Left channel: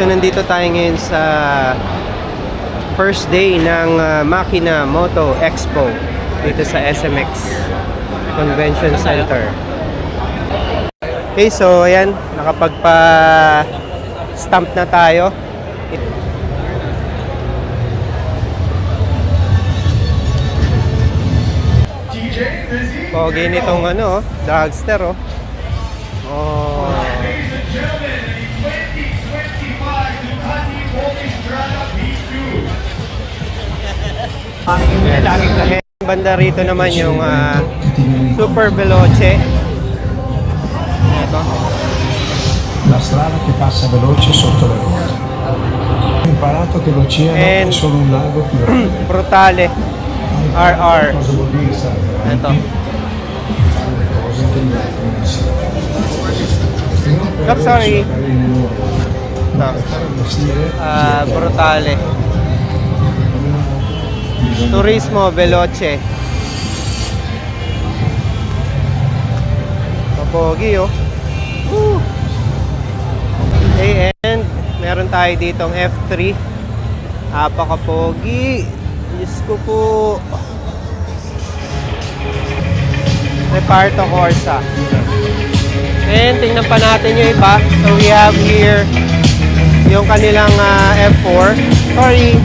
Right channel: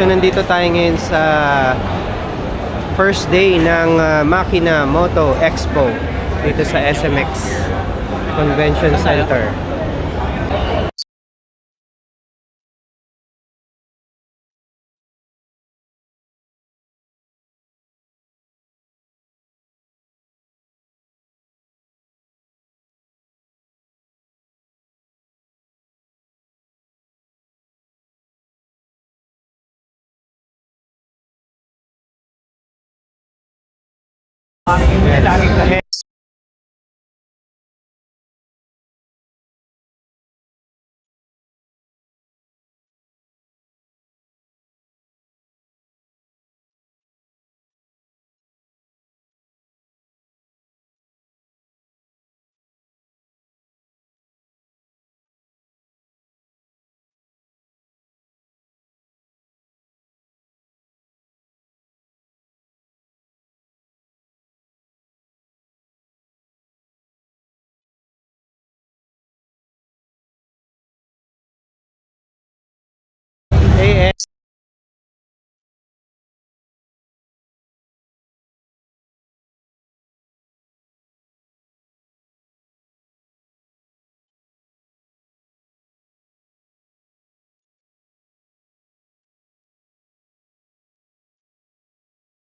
So nandito tayo ngayon sa first day ng Makina Moto Expo dito sa SMX Convention Center. Okay, so ayan, nakapagpa-stamp na tayo. Pogi nitong ano, dragster oh. Oh. Banda rito naman yung Super Veloce. Ito. La strada che passa veloce sotto le ruote. Ho imparato che l'oceano è solo un lago più grande. Brutale. RR. Ito. Oops, sorry. Brutale. Turismo Veloce. Papogi oh. Okay, and meron tayo ditong F3. Apakapogi. Diyos ko po. Reparto Corsa. And tingnan pa natin yung iba. So we have here yung kanilang F4. Sorry.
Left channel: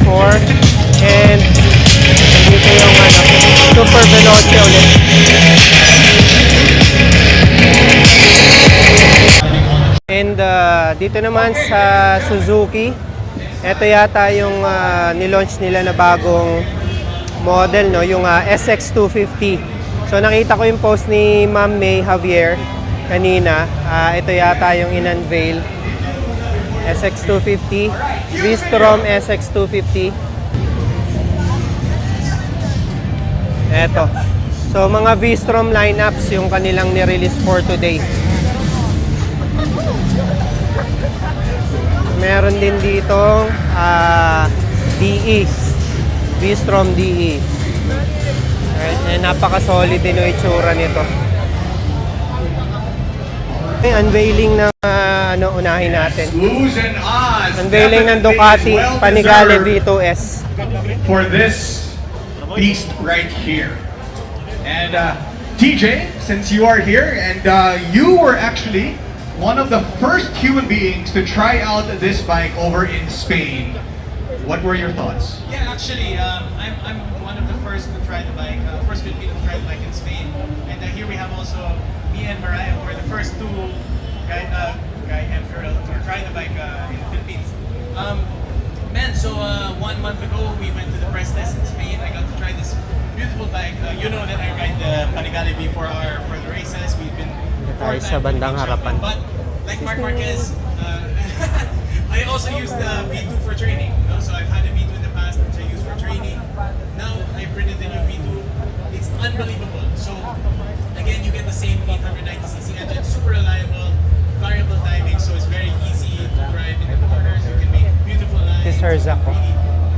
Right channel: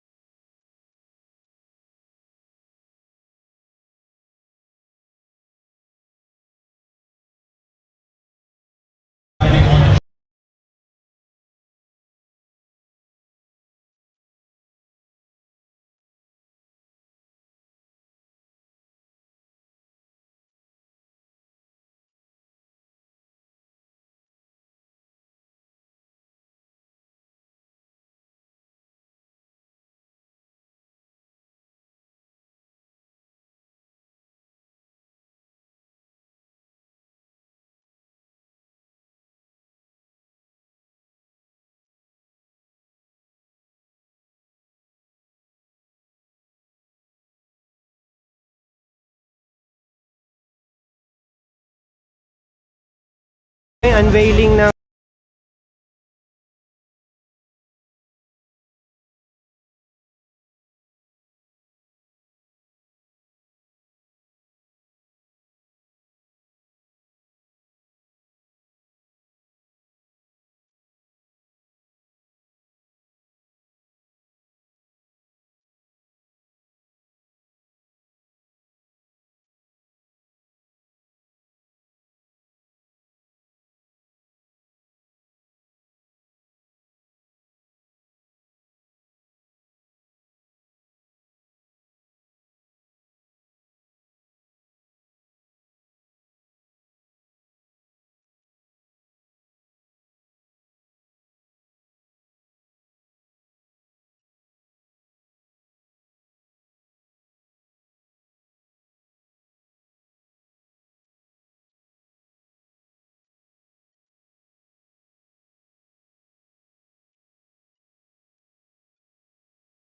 F4. And dito yung Super Veloce ulit. And dito naman sa Suzuki, ito yata yung nilaunch nila na bagong model, no? Yung SX250. So nakita ko yung post ni Ma'am May Javier kanina. Ito yata yung in-unveil. SX250. V-Strom SX250. Eto. So mga V-Strom lineups yung kanilang ni-release for today. Meron din dito DE. V-Strom DE. Napaka-solid din yung itsura nito. Unveiling ng unahin natin. Unveiling ng Ducati Panigale V2S. For this beast right here. And TJ, since you are here, and you were actually one of the first human beings to try out this bike over in Spain. What were your thoughts? Yeah, actually, I'm one of the first to try the bike, first Filipino to try the bike in Spain. And here we have also me and Mariah, who were the first two guy and girl to try the bike in the Philippines. So 1 month ago, we went to the press test in Spain. I got to try this beautiful bike. You know that I ride the Panigale V for the races. We've been Tayo sa bandang harapan. but like Mark Marquez, I also use the V2 for training. You know? So I've had a V2 in the past, which I use for training. Now I've ridden the new V2. It's unbelievable. So again, you get the same 890cc engine, super reliable, variable timing, so it's very easy to drive in the corners. You can make beautiful lines. This is Zach.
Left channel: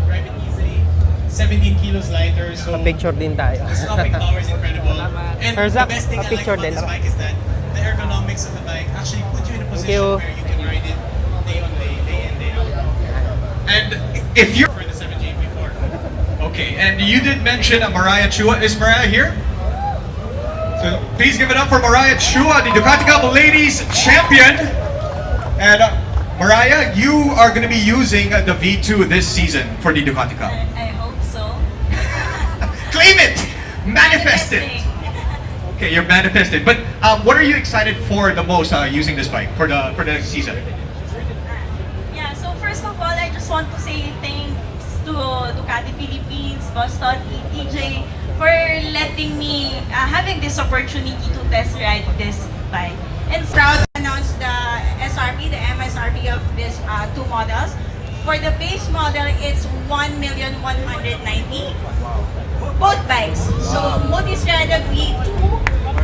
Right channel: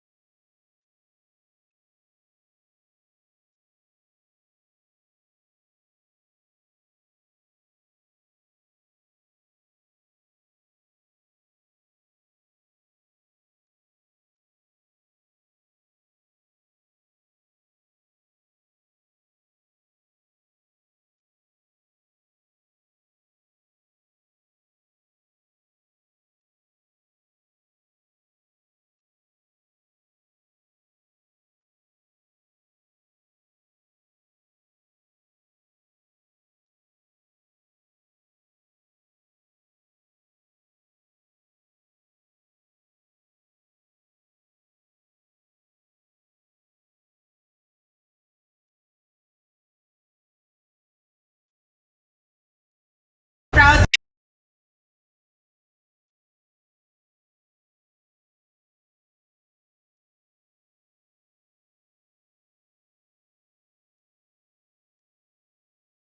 Drive it easily. 17 kilos lighter, so Pa-picture din tayo. the stopping power is incredible. And Sir the Zach, best thing I like pa-picture about din this ako. bike is that the ergonomics of the bike actually put you in a position you. where you can ride it day on day, day in, day out. And if you're For the 7J before. okay, and you did mention Mariah Chua. Is Mariah here? So please give it up for Mariah Chua, the Ducati Cup Ladies Champion. And Mariah, you are going to be using the V2 this season for the Ducati Cup. I hope so. Claim it! Manifest it! Okay, you're manifested. But what are you excited for the most using this bike for the season? Yeah, so first of all, I just want to say thanks to Ducati Philippines, Boston, ETJ, for letting me, having this opportunity to test ride this bike. And proud to announce the SRP, the MSRP of these two models. For the base model, it's 1,190,000. Both bikes. So, Multistrada V2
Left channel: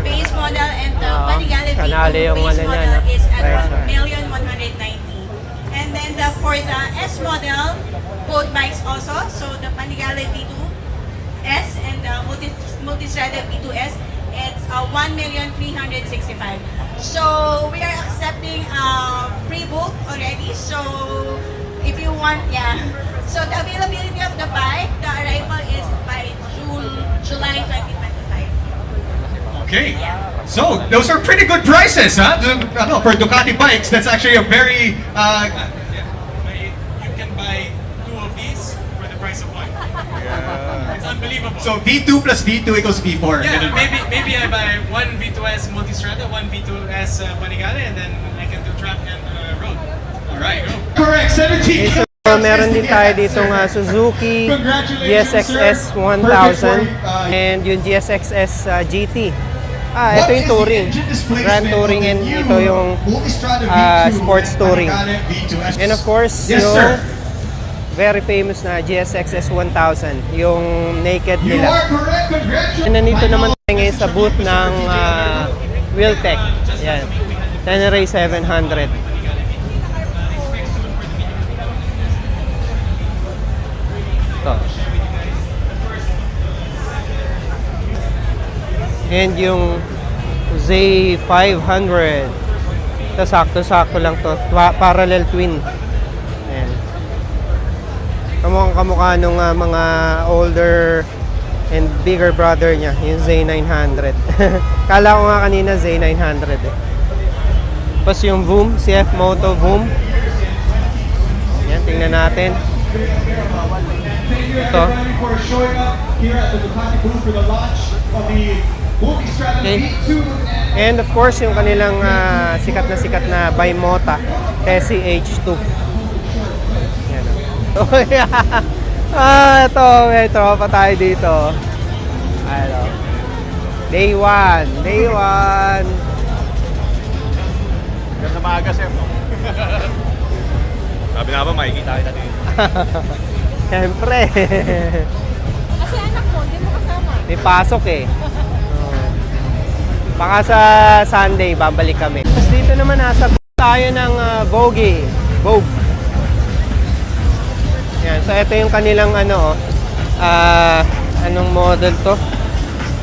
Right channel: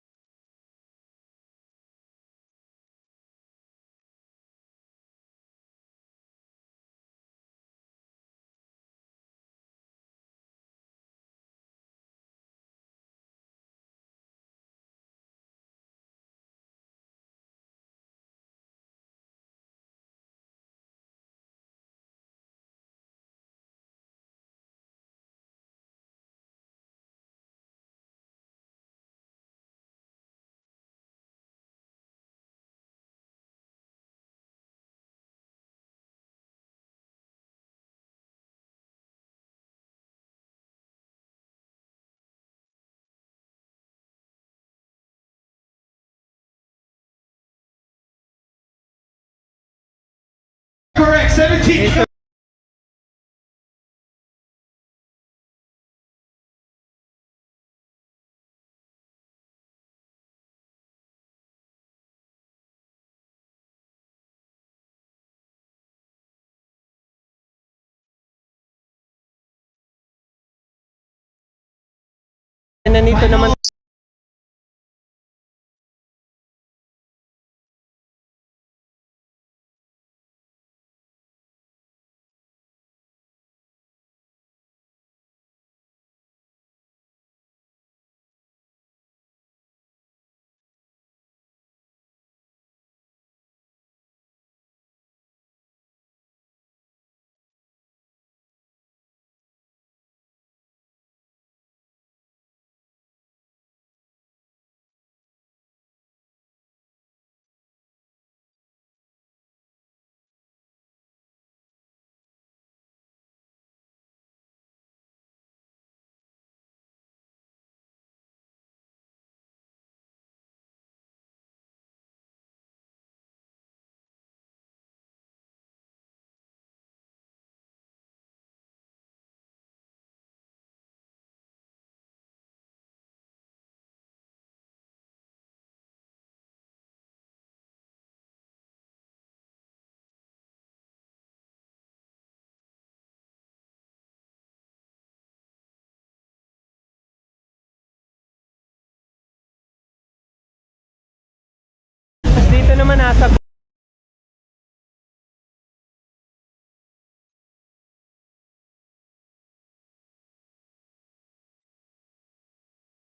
base model and the Panigale Kanale V2 yung base ano niya, model no? is at Price, 1,190,000. And then for the S model, both bikes also. So, the Panigale V2S and the Multistrada V2S, it's 1,365,000. So we are accepting pre-book already. So if you want, yeah. So the availability of the bike, the arrival is by July 2025. Okay. So those are pretty good prices, huh? For Ducati bikes, that's actually a very You can buy 2 of these for the price of 1. It's unbelievable. so V2 plus V2 equals V4. yeah, Ganun ba? maybe I buy 1 V2S Multistrada, 1 V2S Panigale, and then I can do track and road. All right. Correct. 17. So, meron din tayo ditong Suzuki GSX-S 1000 and yung GSX-S GT. Ito yung touring. Grand touring and ito yung sports touring. And of course, Yes, yung sir. very famous na GSX-S 1000, yung naked You nila. are correct. Congratulations. And nandito naman tayo ngayon sa booth ng Wheeltech. Yan. Tenere 700. Ito. And yung Z500. Ito, sakto-sakto lang to. Parallel twin. Ayan. Kamukha nung mga older and bigger brother niya, yung Z900. Kala ko nga kanina Z900 eh. Tapos yung Voom, CF Moto Voom. Yan, tingnan natin. Thank you Ito. everybody for showing up here at the Ducati booth for the launch of the Multistrada Okay. V2 And of course, yung kanilang sikat na Bimota SCH2. Yan. Oh, yeah. Ito, may tropa tayo dito. Ano. Day 1. Day 1. Ganda maaga, sir, no? Sabi nga ba, makikita kita dito. Siyempre. Kasi anak mo, hindi mo kasama. May pasok eh. Oo. Baka sa Sunday, babalik kami. Tapos dito naman nasa booth tayo ng Vogue. Vogue. Yan. So ito yung kanilang anong model to?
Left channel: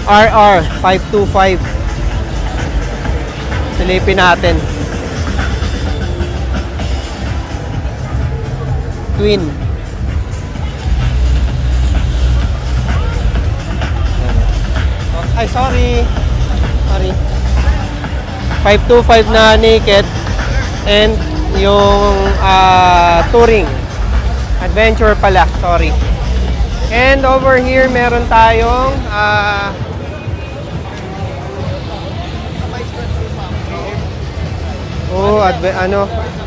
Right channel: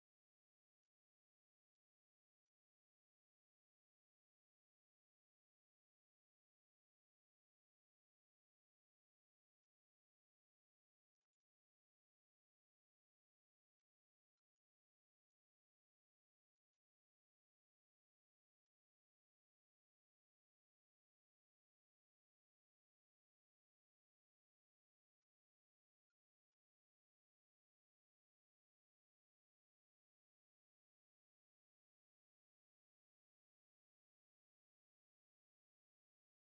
RR 525. Silipin natin. Twin. Ay, sorry. 525 na naked and yung touring. Adventure pala, sorry. And over here, meron tayong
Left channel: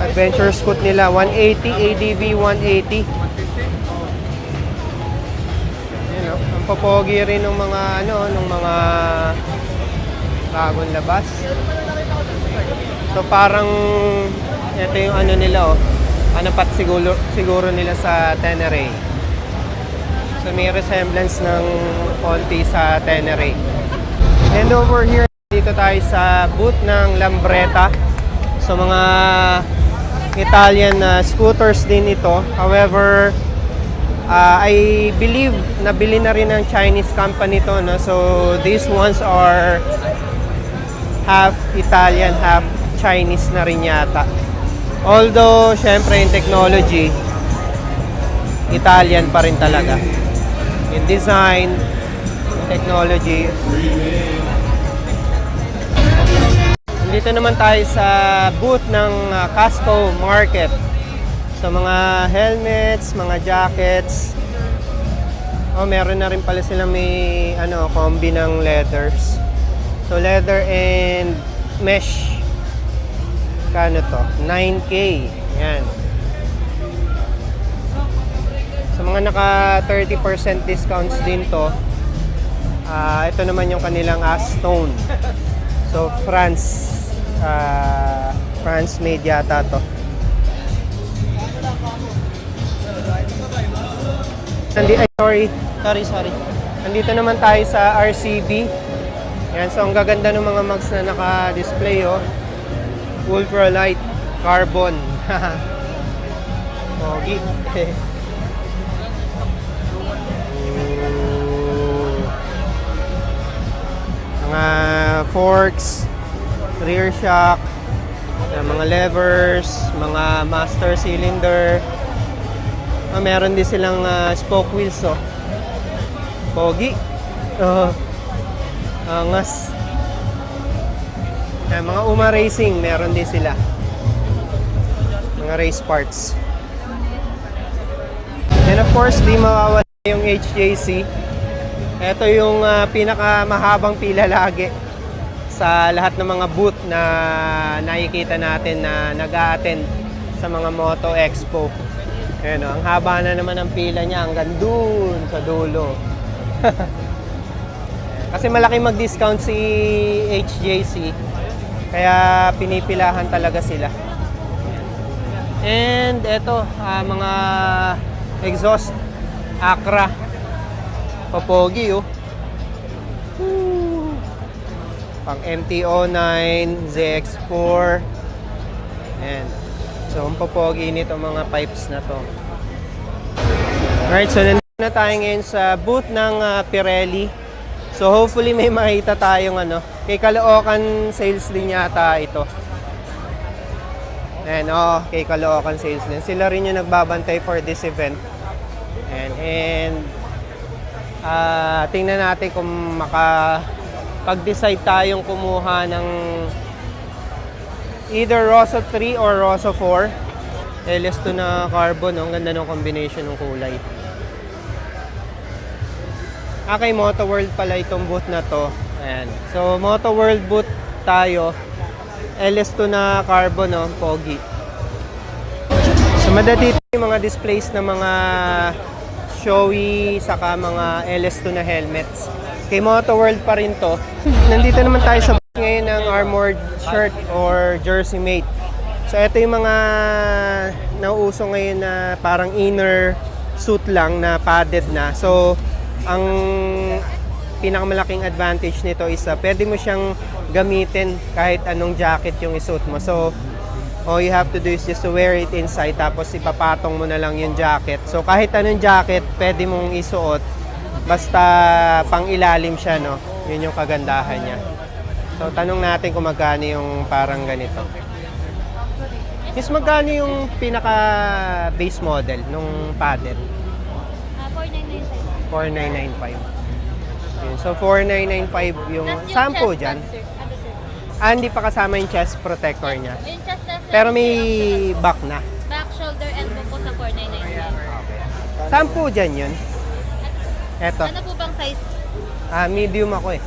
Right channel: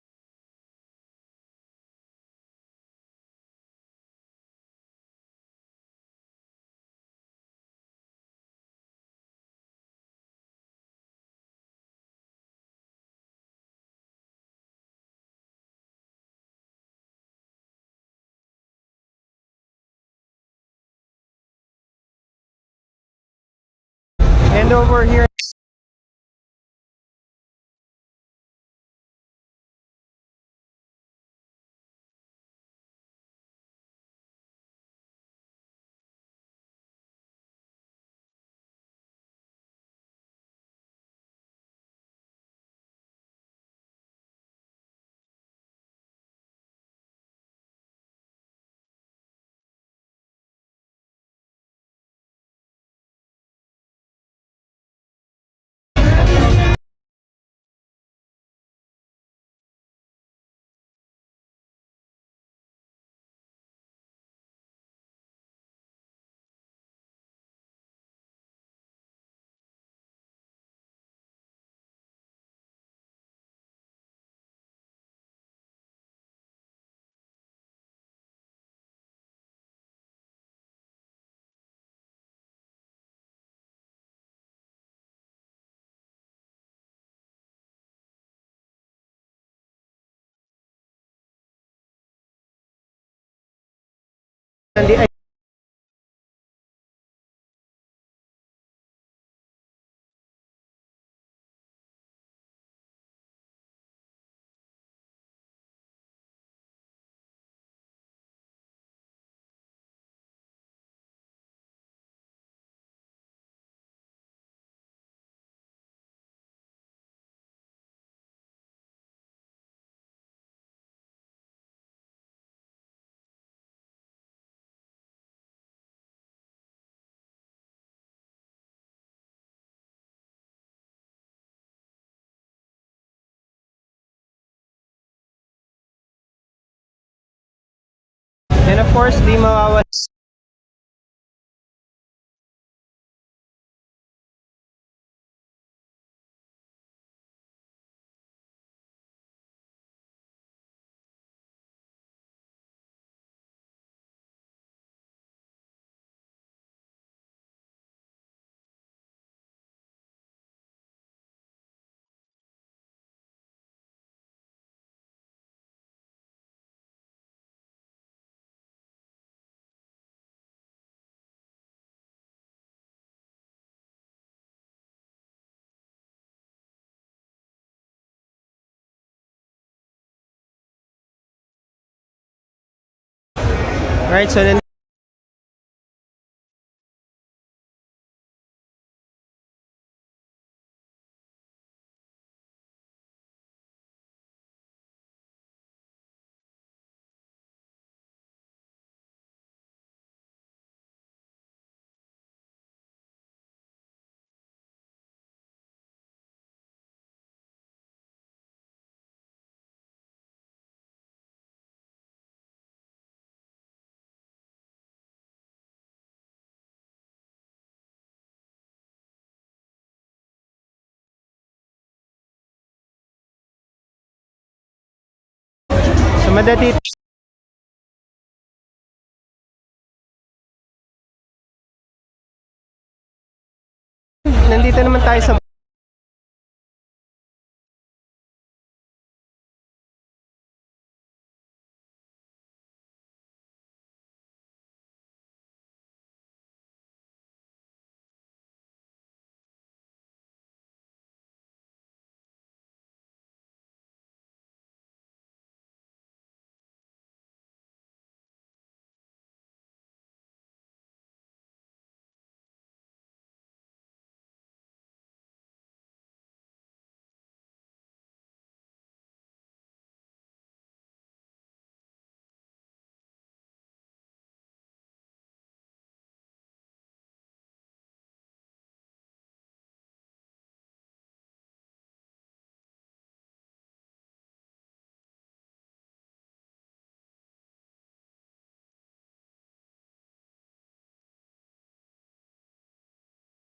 adventure scoot nila 180 ADV 180. Yan, ang popogi rin ng mga ng mga bagong labas. So parang ito yung nila pat siguro nila sa Tenere. So may resemblance ng konti sa Tenere. And over here, dito tayo sa booth ng Lambretta. So mga Italian scooters din ito. However, I believe nabili na rin ng Chinese company to, no? So these ones are half Italian, half Chinese na rin yata. Although, syempre, in technology, Italian pa rin talaga. In design, in technology. Dito naman tayo sa booth ng Casco Market. So, mga helmets, mga jackets. Meron na rin pala silang may combi ng leathers. So, leather and mesh. Kano to? 9K. Yan. So, mga naka 30% discounts din to. Ito naman yung kanilang Astone. So, France made yata to. Sorry. Nandito naman tayo sa RCB. Yan, so ang gaganda ng mga mags na naka-display, ultralight carbon. Pogi. Mga forks, rear shock, mga levers, mga master cylinder. Meron din silang spoke wheels, oh. Pogi. Angas. Mga UMA Racing, meron din sila. Mga race parts. And of course, di mawawala yung HJC. Ito yung pinakamahabang pila lagi sa lahat ng mga booth na nakikita natin na nag-a-attend sa mga Moto Expo. Ayan, ang haba na naman ng pila niya hanggang dun sa dulo. Kasi malaki mag-discount si HJC, kaya pinipilahan talaga sila. And eto, mga exhaust, Acra. Papogi, oh. Woo! Pang MT-09, ZX4. Ayan. So, ang papogi nito mga pipes na to. Alright, so nandito na tayo ngayon sa booth ng Pirelli. So, hopefully may makita tayong kay Caloocan sales din yata ito. Ayan, kay Caloocan sales din. Sila rin yung nagbabantay for this event. And tingnan natin kung makapag-decide tayong kumuha ng either Rosso 3 or Rosso 4. LS2 na carbon, ang ganda ng combination ng kulay. Kay Moto World pala itong booth na to. Ayan. So, Moto World booth tayo. LS2 na carbon, no? Pogi. So, madadito yung mga displays ng mga showy, saka mga LS2 na helmets. Kay Moto World pa rin to. Nandito naman tayo sa booth ngayon ng armored shirt or jersey mate. So, ito yung mga nauuso ngayon na parang inner suit lang na padded na. So, ang pinakamalaking advantage nito is pwede mo siyang gamitin kahit anong jacket yung isuot mo. So, all you have to do is just to wear it inside, tapos ipapatong mo na lang yung jacket. So, kahit anong jacket, pwede mong isuot, basta pang ilalim siya, no? Yun yung kagandahan niya. So, tanong natin kung magkano yung parang ganito. Is magkano yung pinaka base model nung padded? 4995. Yun. So, 4995 yung sample dyan. Hindi pa kasama yung chest protector niya. Yung chest na Pero may back na. back, shoulder, elbow po sa 499. Sample dyan yun. Eto. Ano po bang size? Medium ako eh.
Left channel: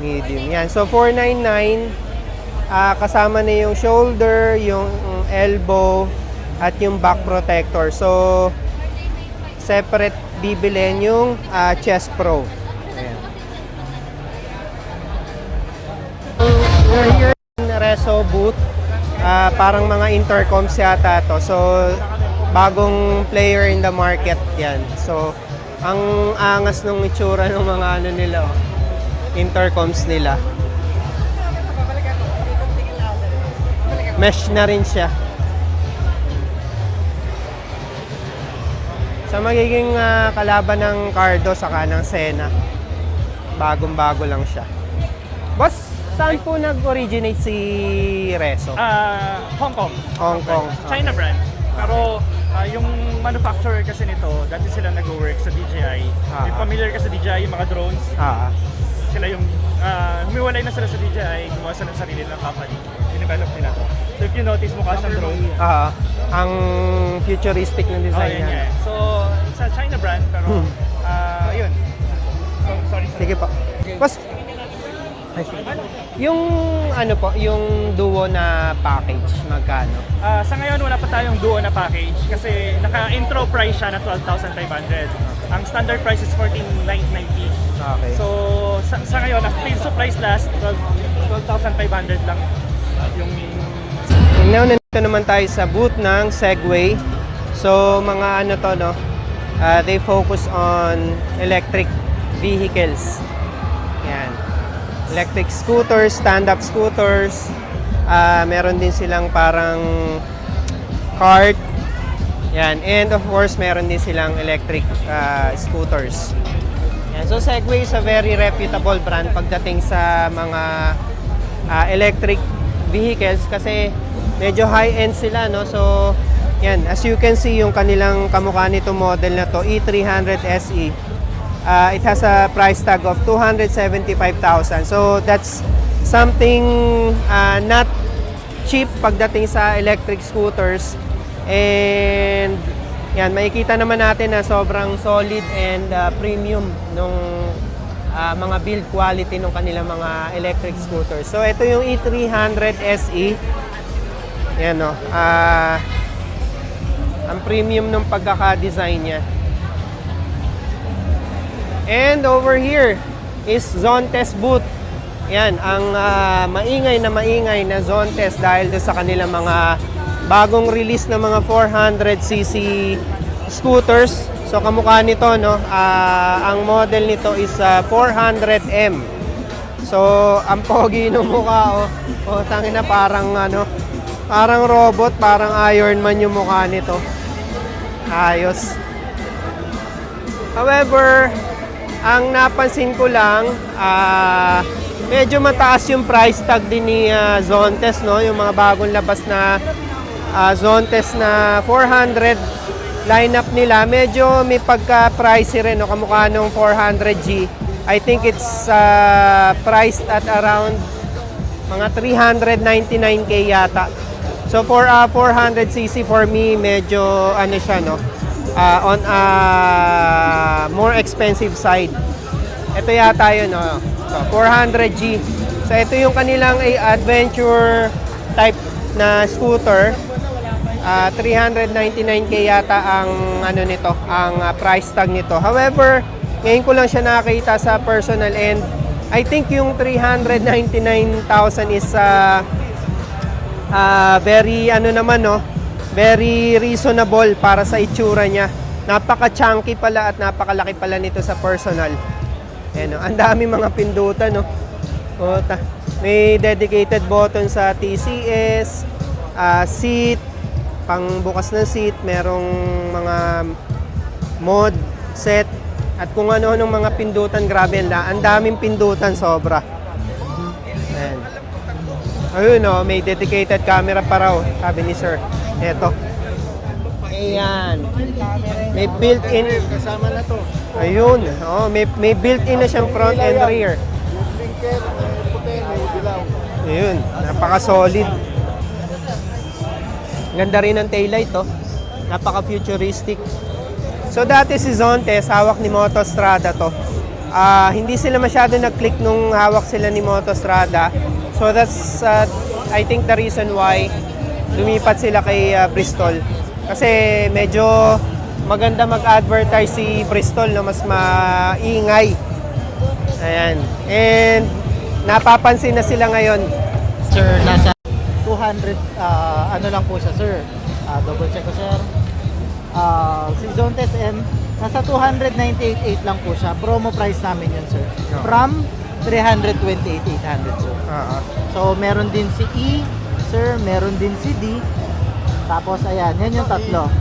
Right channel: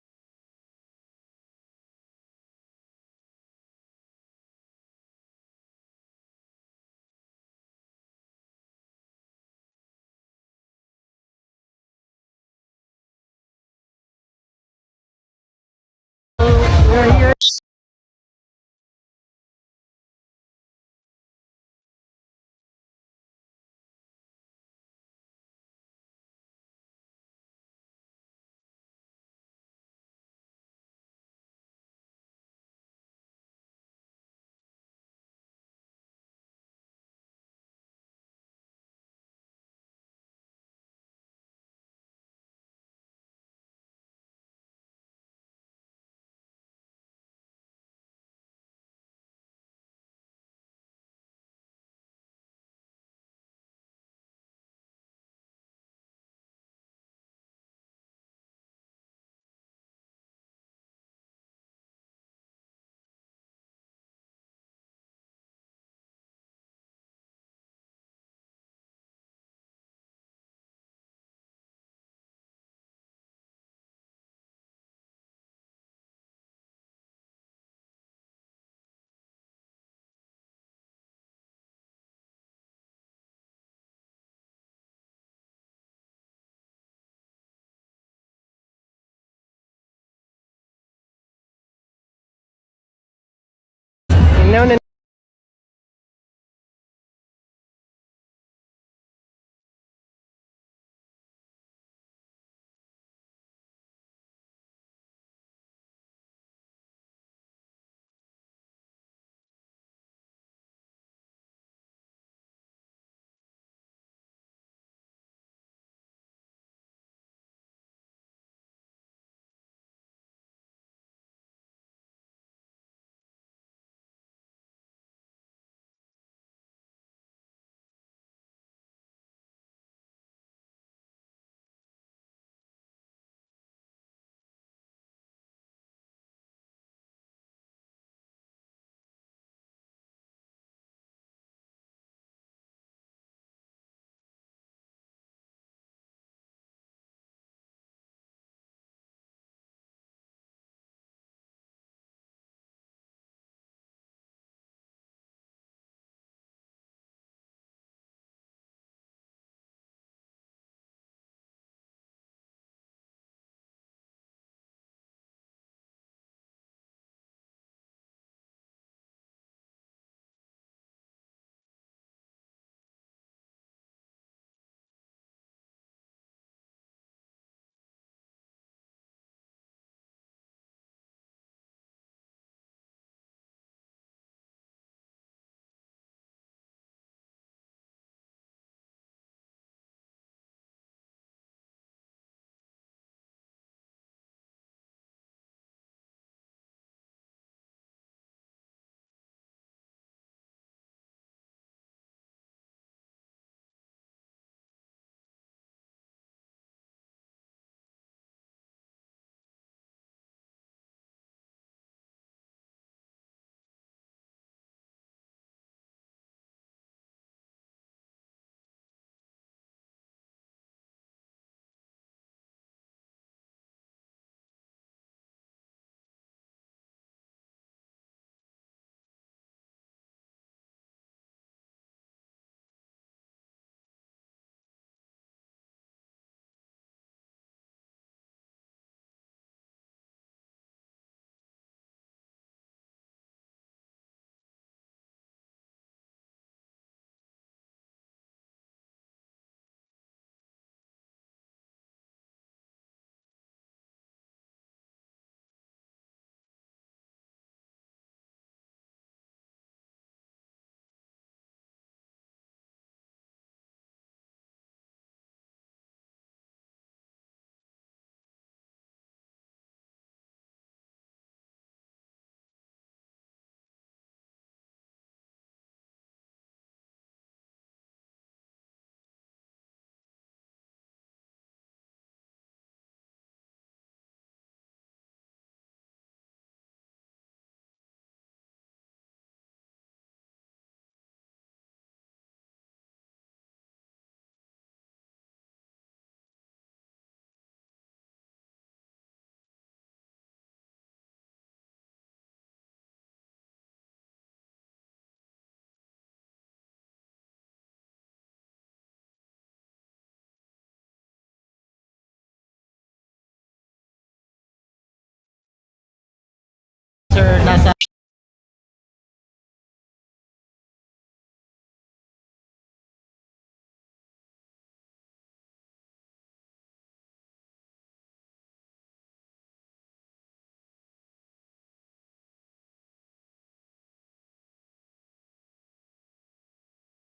Medium. Yan. So, 499. Kasama na yung shoulder, yung elbow, at yung back protector. So, separate bibilin yung Chest Pro. Ayan. We're here in Reso booth. Parang mga intercoms yata to. So, bagong player in the market yan. So, ang angas ng itsura ng mga nila, intercoms nila. Mesh na rin siya. Sa magiging kalaban ng Cardo saka ng Senna. Bagong-bago lang siya. Boss, saan po nag-originate si Reso? Hong Kong. Hong Kong. China brand. Pero yung manufacturer kasi nito, dati sila nag-work sa DJI. If familiar ka sa DJI, yung mga drones, sila yung humiwalay na sila sa DJI, gumawa sila ng sarili ng company. Dinevelop nila to. So if you notice, mukha siyang drone. Ang futuristic ng design yun niya. nga. So, it's a China brand, pero yun. So, sorry. Sige po. Boss, yung ano po, yung duo na package, magkano? Sa ngayon, wala pa tayong duo na package kasi naka-intro price siya na 12,500. Ang standard price is 14,990. Okay. So, sa ngayon, until supplies last, 12,500 lang yung... Now, nandito naman tayo sa booth ng Segway. So, mga ano to, no? They focus on electric vehicles. Yan. Electric scooters, stand-up scooters. Meron din silang parang cart. Yan. And of course, meron din silang electric scooters. Yan. So Segway is a very reputable brand pagdating sa mga electric vehicles kasi medyo high-end sila, no? So yan, as you can see yung kanilang kamukha nito model na to, E300 SE. It has a price tag of 275,000. So that's something not cheap pagdating sa electric scooters. And yan, makikita naman natin na sobrang solid and premium nung mga build quality ng kanilang mga electric scooters. So ito yung E300 SE. Yan, no. Ang premium ng pagkaka-design niya. And over here is Zontes booth. Yan, ang maingay na Zontes dahil doon sa kanilang mga bagong release na mga 400cc scooters. So kamukha nito, no, ang model nito is 400M. So ang pogi ng mukha, oh, tangin na parang parang robot, parang Iron Man yung mukha nito. Ayos. However, ang napansin ko lang, medyo mataas yung price tag din ni Zontes, no? Yung mga bagong labas na Zontes na 400 lineup nila, medyo may pagka-pricey rin, no? Kamukha nung 400G. I think it's priced at around mga 399k yata. So for 400cc for me, medyo ano siya, no? On a more expensive side. Ito yata yun, no? So 400G. So ito yung kanilang adventure type na scooter. 399k yata ang ano nito, ang price tag nito. However, ngayon ko lang siya nakita sa personal and I think yung 399,000 is very ano naman, no, very reasonable para sa itsura niya. Napaka-chunky pala at napakalaki pala nito sa personal. Ayan, no? Ang dami mga pindutan, no. May dedicated button sa TCS, seat, pang bukas ng seat, merong mga mod, set, at kung ano-anong mga pindutan. Grabe na, ang daming pindutan, sobra. Ayan. Ayun, no, may dedicated camera pa raw, sabi ni sir. Eto. Ayan. May built-in. Kasama na to. Ayun. Oh, may built-in na siyang front and rear. Ayun. Napaka-solid. Ganda rin ng taillight, to. Napaka-futuristic. So dati si Zontes, hawak ni Motostrada to. Hindi sila masyado nag-click nung hawak sila ni Motostrada. So that's I think the reason why lumipat sila kay Bristol. Kasi medyo maganda mag-advertise si Bristol, no, mas maingay. Ayan. And napapansin na sila ngayon. Sir, nasa 200 ano lang po siya, sir. Double check ko, sir. Si Zontes M, nasa 298.8 lang po siya. Promo price namin yun, sir. From 328,800, sir. So, meron din si E, sir. Meron din si D. Tapos, ayan. Yan yung tatlo.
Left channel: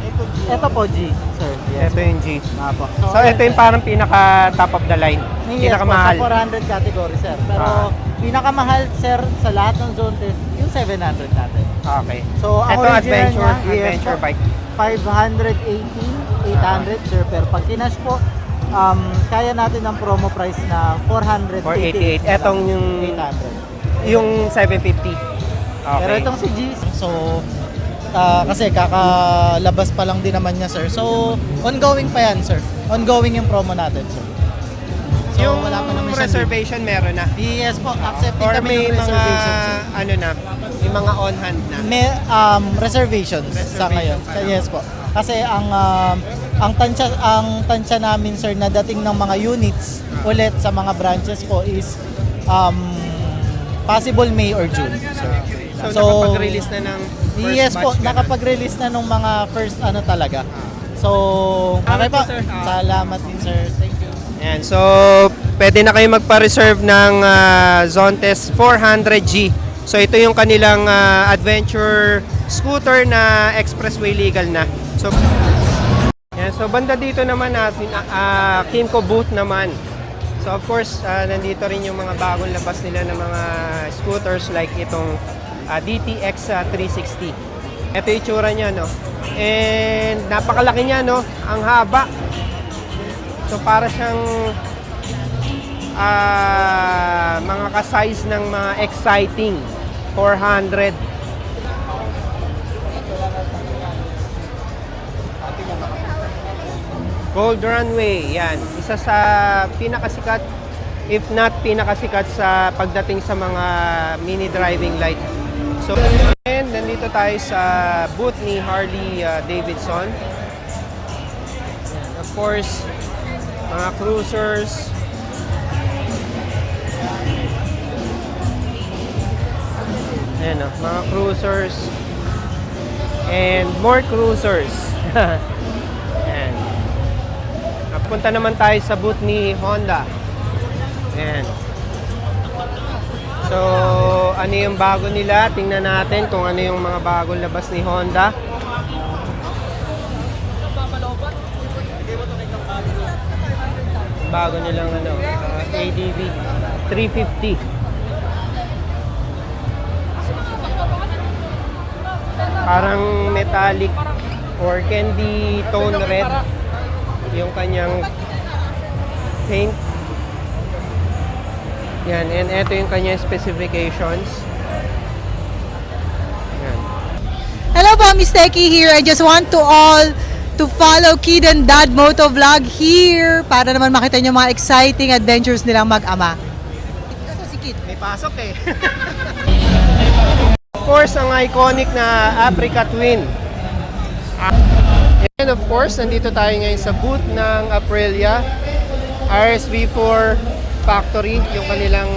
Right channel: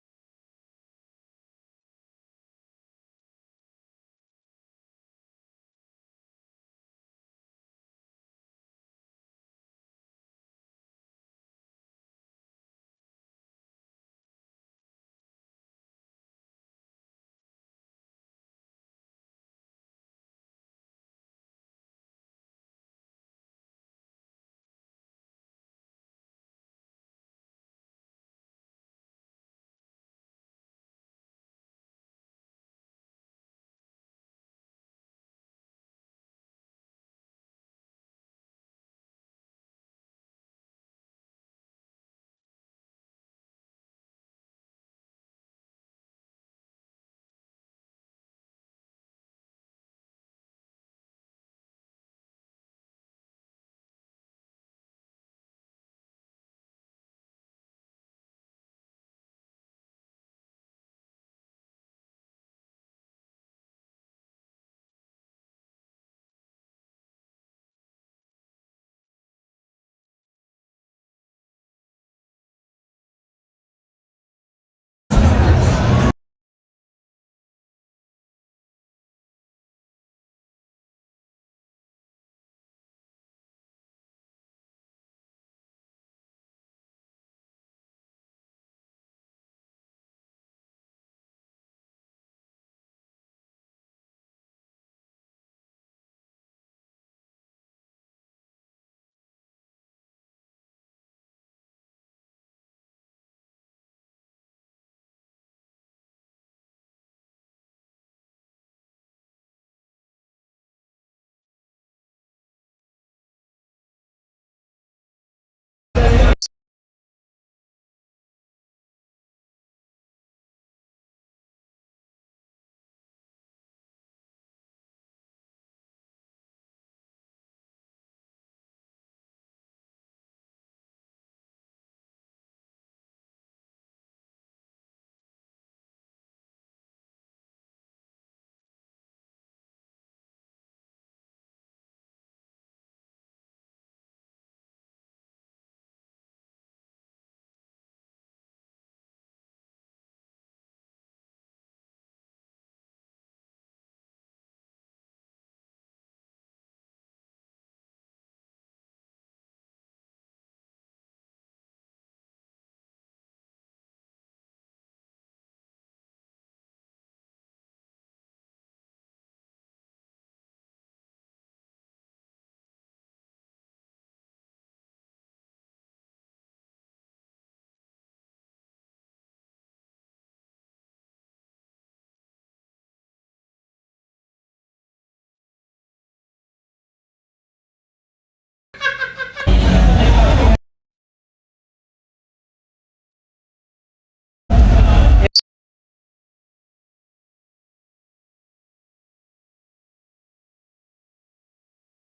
Ito po, G, sir. Yes, Ito yung G. po. So ito yung parang pinaka top of the line. Yes, Pinakamahal. po, sa 400 category, sir. Pero, pinakamahal, sir, sa lahat ng Zontes, yung 700 natin. Okay. So, ang Ito original adventure niya, bike. 518,800, sir. Pero pag kinash po, kaya natin ng promo price na 488. 488. Etong yung 800. yung 750. Okay. Pero itong si G, so kasi kakalabas pa lang din naman niya, sir. So, ongoing pa yan, sir. Ongoing yung promo natin, sir. So, yung wala pa naman siyang reservation meron na. Yes po, accepting Or kami may ng mga reservations, sir. ano na, may mga on hand na. May reservations sa ngayon. pa lang. Yes po. Kasi ang tansya namin, sir, na dating ng mga units ulit sa mga branches po is possible May or June, sir. So nakapag-release na ng first Yes po, batch ka na. nakapag-release na nung mga first ano talaga. So, okay Salamat po. po, sir. Salamat din, sir. Thank you. Ayan, so pwede na kayo magpa-reserve ng Zontes 400G. So ito yung kanilang adventure scooter na expressway legal na. So, yan, so banda dito naman natin, Kimco booth naman. So of course, nandito rin yung mga bagong labas nila ng mga scooters like itong DTX 360. Ito yung itsura niya, no? And napakalaki niya, no? Ang haba. So para siyang mga ka-size ng mga exciting 400. Gold Runway, yan. Isa sa pinakasikat, if not pinakasikat sa pagdating sa mga mini driving light. So, and nandito tayo sa booth ni Harley Davidson. Of course, mga cruisers. Ayan, mga cruisers. And more cruisers. Ayan. Punta naman tayo sa booth ni Honda. Ayan. So, ano yung bago nila? Tingnan natin kung ano yung mga bagong labas ni Honda. Bago nilang ADV 350. Parang metallic or candy tone red yung kanyang paint. Yan, and ito yung kanyang specifications. Yan. Hello po, Miss Techie here. I just want to all to follow Kid and Dad Moto Vlog here para naman makita nyo mga exciting adventures nilang mag-ama. Kasi si Kid. May pasok eh. Of course, ang iconic na Africa Twin. And of course, nandito tayo ngayon sa booth ng Aprilia RSV4 Factory, yung kanilang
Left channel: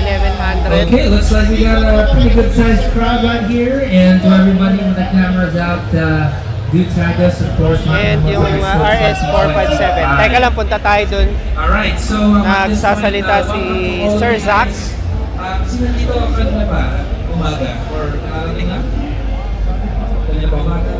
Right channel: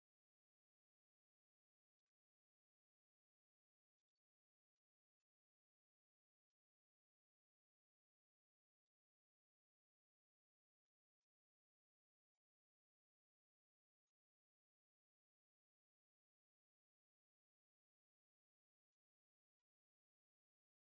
1100. Okay, looks like we got a pretty good sized crowd right here, and to everybody with the cameras out, do tag us, of course. And yung RS457. Teka lang, punta tayo dun. Alright, so Nagsasalita si Sir Zach. Sino dito kanina ba? Umaga? Or karating lang? Kanina ba umaga?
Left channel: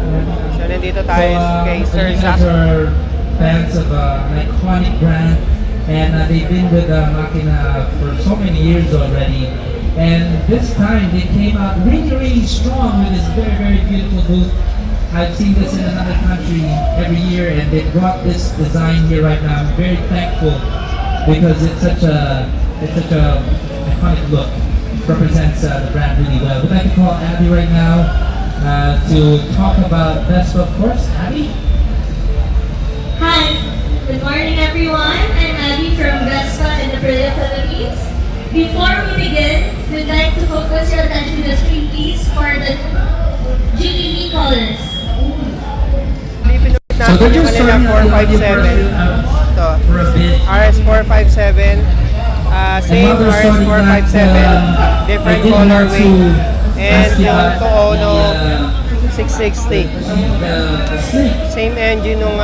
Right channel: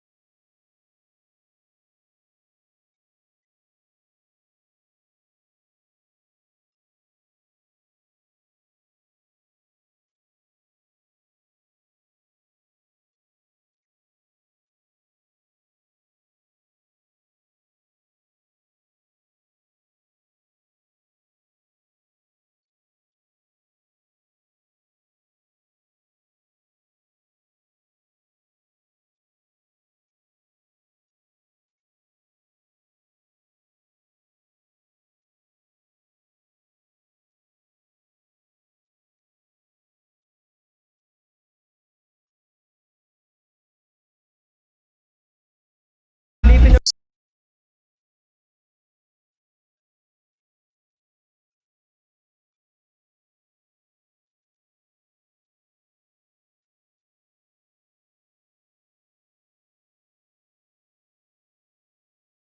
So nandito tayo kay Sir Zach. Are fans of an iconic brand, and they've been with Makina for so many years already. And this time they came out really strong with this very beautiful booth. I've seen this in another country every year, and they brought this design here right now. I'm very thankful because it's such a iconic look. Represents the brand really well. We'd like to call Abby right now to talk about Vespa, of course. Abby? Hi, good morning everyone. I'm Abby from Vespa in the Aprilia, Philippines. Before we begin, we'd like to focus your attention to the screen please for the GTV colors. Pinunod natin yung kanilang 457. Ito, RS457. Same RS457, different colorway. And yung Toono 660. Same engine ng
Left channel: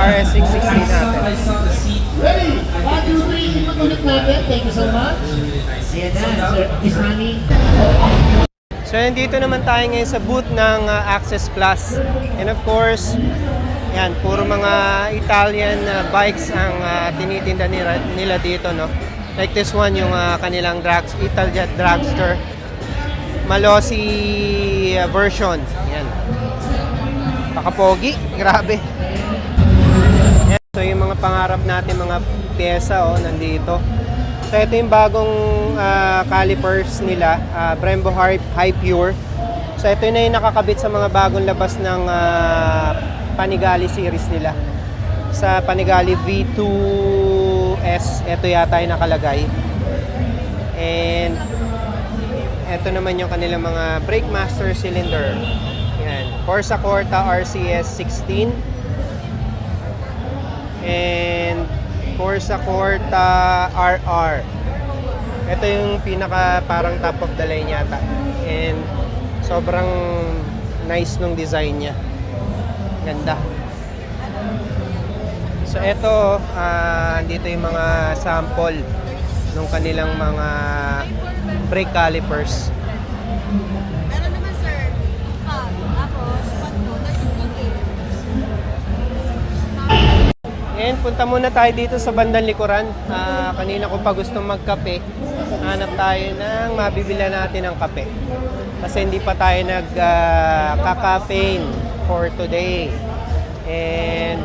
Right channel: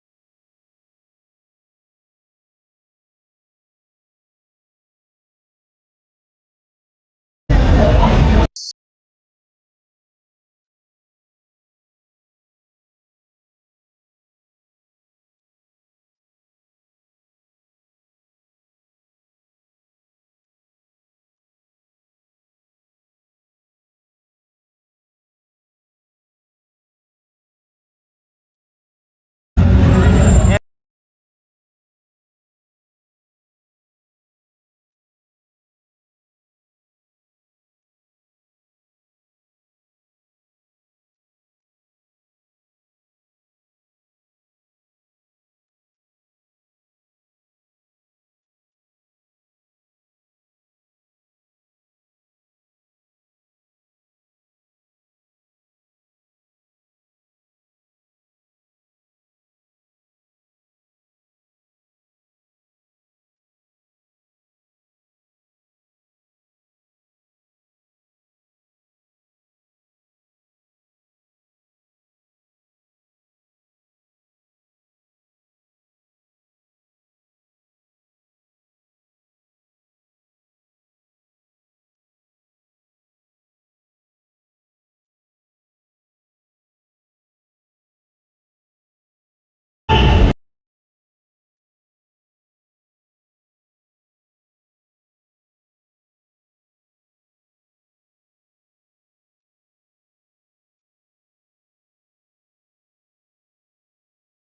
RS660 natin. Ready? 1, 2, 3, ipatuloy natin. Thank you so much. Ayan na, Sir Ismani. So nandito naman tayo ngayon sa booth ng Access Plus. And of course, yan, puro mga Italian bikes ang tinitinda nila dito, no? Like this one, yung kanilang Italjet Dragster Malossi version. Yan. Pakapogi, grabe. Yan. So yung mga pangarap natin, mga pyesa, nandito. So ito yung bagong calipers nila, Brembo High Pure. So ito na yung nakakabit sa mga bagong labas ng Panigale series nila. Sa Panigale V2S, ito yata yung nakalagay. And ito naman yung kanilang mga brake master cylinder. Yan. Corsa Corta RCS 16. And Corsa Corta RR. Ito yung pinaka parang top of the line yata. And sobrang nice nung design niya. Ganda. So ito, dito yung mga sample ng kanilang mga brake calipers. Meron naman sir, tapos pag mo, And punta muna tayo dito sa bandang likuran. Kanina ko pa gustong magkape. Hanap tayo ng mabibila natin ng kape. Kasi hindi pa tayo nag-caffeine for today. And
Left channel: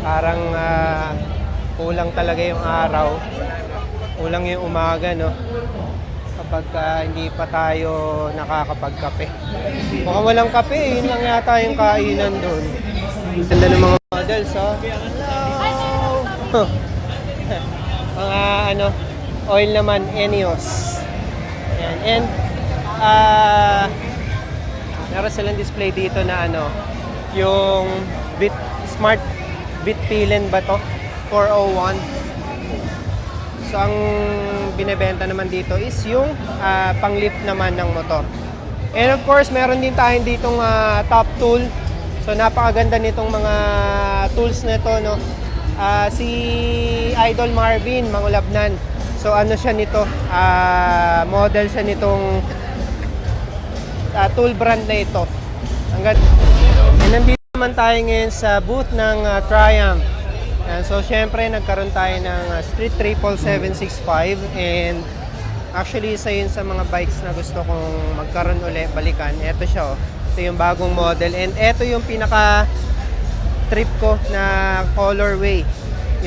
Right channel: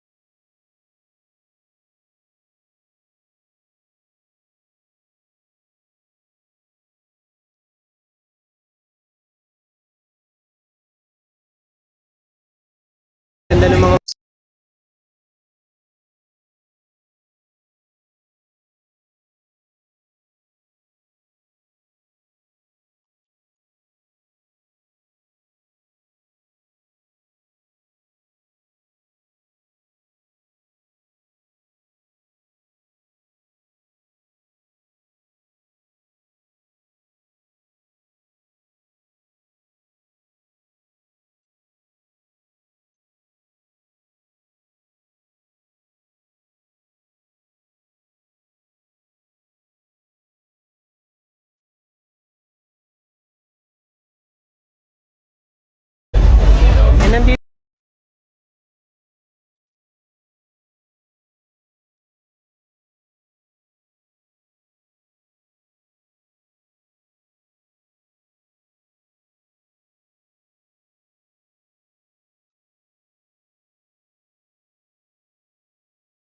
parang kulang talaga yung araw. Kulang yung umaga, no? Kapag hindi pa tayo nakakapagkape. Mukhang walang kape, yun lang yata yung kainan doon. Ganda ng mga models, oh. Hello! Mga oil naman, Enios. Ayan. And meron silang display dito na yung Smart Bitpilen ba to? 401. So ang binebenta naman dito is yung pang-lift naman ng motor. And of course, meron din tayong ditong top tool. So napakaganda nitong mga tools nito, no. Si Idol Marvin Mangulabnan. So ano siya nito? Model siya nitong tool brand na ito. Ang ganda. And nandito naman tayo ngayon sa booth ng Triumph. So syempre nagkaroon tayo ng Street Triple 765 and actually isa yun sa mga bikes na gusto kong magkaroon ulit, balikan. Ito siya, oh. Ito yung bagong model and ito yung pinaka trip ko na colorway,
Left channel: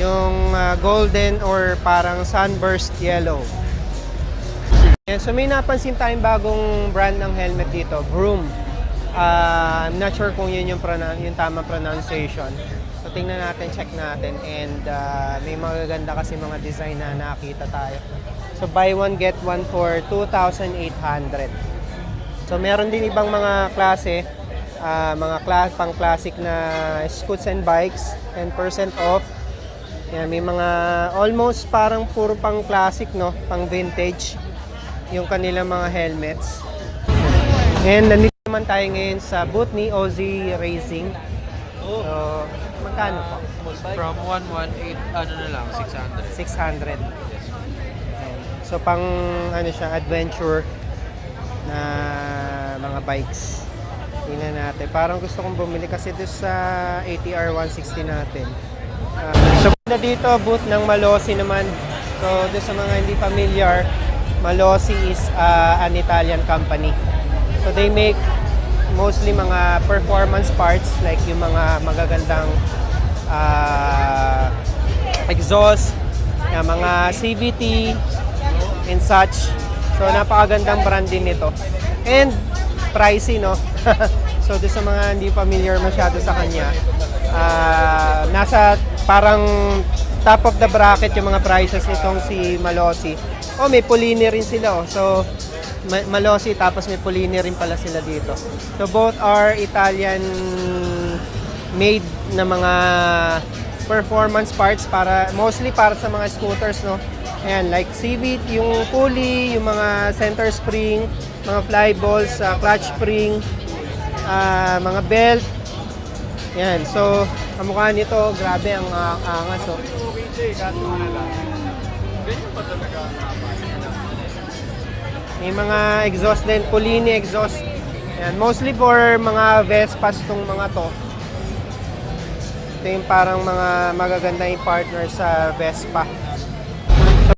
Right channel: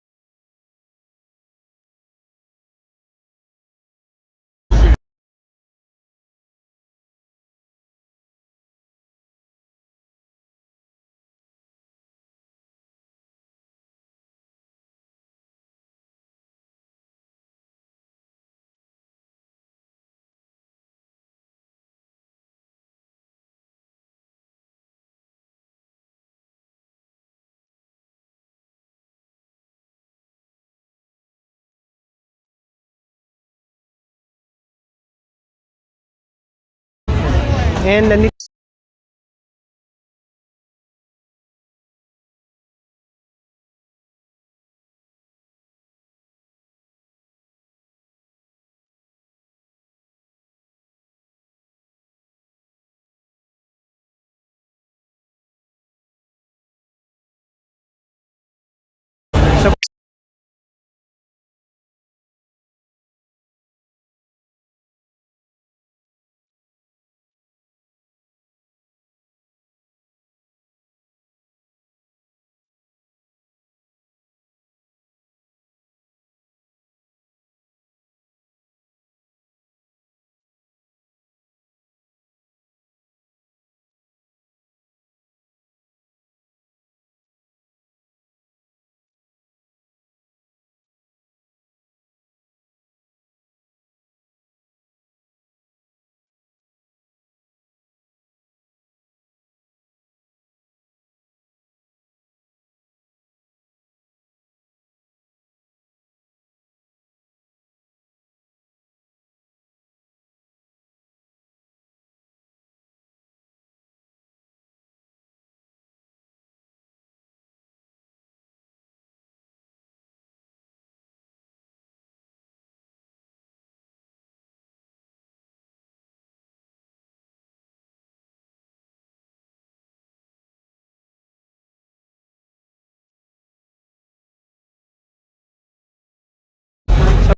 yung golden or parang sunburst yellow. And so may napansin tayong bagong brand ng helmet dito, Vroom. I'm not sure kung yun yung tamang pronunciation. So tingnan natin, check natin, and may magaganda kasi mga design na nakita tayo. So buy one get one for 2,800. So meron din ibang mga klase, pang classic na scoots and bikes, 10% off. Yan, may mga almost parang puro pang classic, no, pang vintage yung kanilang mga helmets. And nandito naman tayo ngayon sa booth ni Ozzy Racing. So magkano po? From 118, ano na lang, 600. 600. So pang siya, adventure na mga bikes. Tingnan natin. Parang gusto kong bumili kasi doon sa ATR 160 natin. So na dito, booth ng Malossi naman. So doon sa mga hindi familiar, Malossi is an Italian company. So they make mostly mga performance parts like yung mga magagandang exhaust, mga CVT and such. So napakagandang brand din nito. And pricey, no? So doon sa mga hindi familiar masyado sa kanya, nasa parang top of the bracket yung mga prices nitong si Malossi. Oh, may Polini rin sila, oh. So Malossi tapos may Polini rin pala sila dito. So both are Italian made na mga performance parts mostly para sa mga scooters, no. Ayan, like CVT, yung pulley, yung mga center spring, mga fly balls, clutch spring, mga belt. Ayan, so kamukha nito, grabe ang angas, oh. May mga exhaust din, Polini exhaust. Ayan, mostly for mga Vespas tong mga to. Ito yung parang mga magaganda yung partner sa Vespa.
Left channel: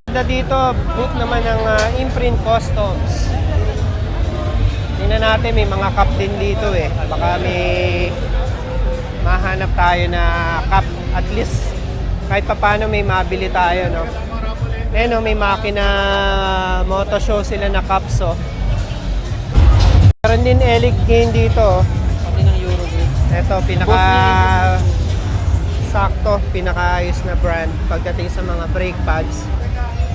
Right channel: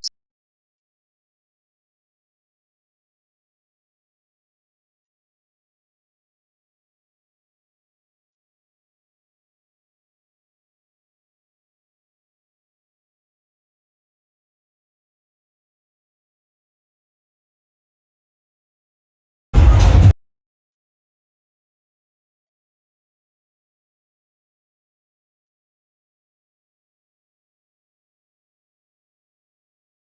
So dito, booth naman ng Imprint Customs. Tingnan natin, may mga cup din dito eh. Baka may mahanap tayo na cup. At least kahit paano may mabili tayo, no? Ayan, may makina moto show sila na cups, oh. Meron din Elite Gain dito, oh. Pati ng Eurogrid. Ito, sakto, pinakaayos na brand pagdating sa mga brake pads.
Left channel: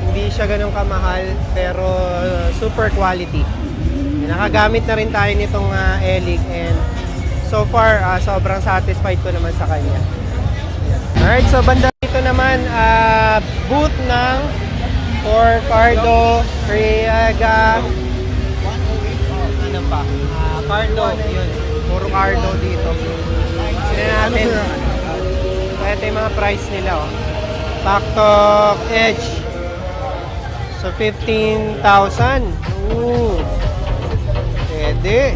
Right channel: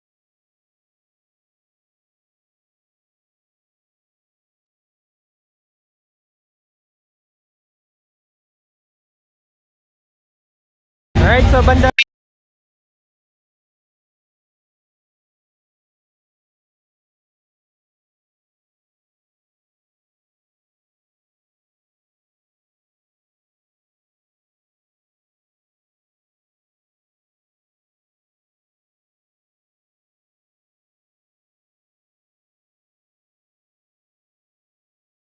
Hindi siya ganun kamahal, pero super quality. Nakagamit na rin tayo nitong Elite and so far, sobrang satisfied ko naman sa kanya. Alright, so banda dito naman, booth ng for Cardo, Riega, ano pa? Cardo, yun. Puro Cardo dito. Sila natin. Ito yung mga price nila, oh. Pactok Edge. So, 15,000. Ooh. Pwede.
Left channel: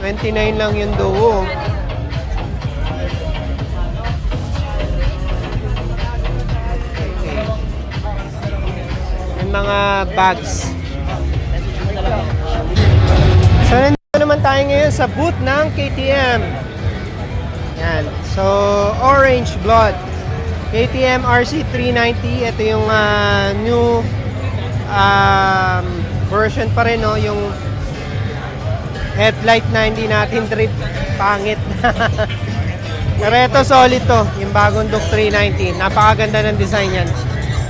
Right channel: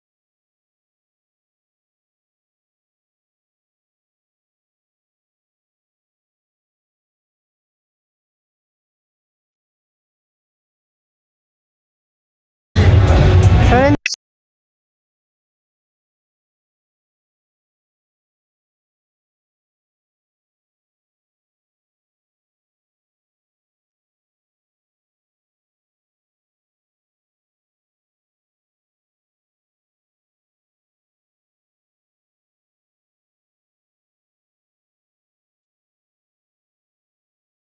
29 lang yung duo. mga bags. So, nandito naman tayo ngayon sa booth ng KTM. Yan. So, Orange Blood. KTM RC390. Ito yung new version pa rin, no? Yung headlight na hindi natin trip. Pangit. Pero ito solid to. Yung bagong Duke 390. Napakaganda ng design yan.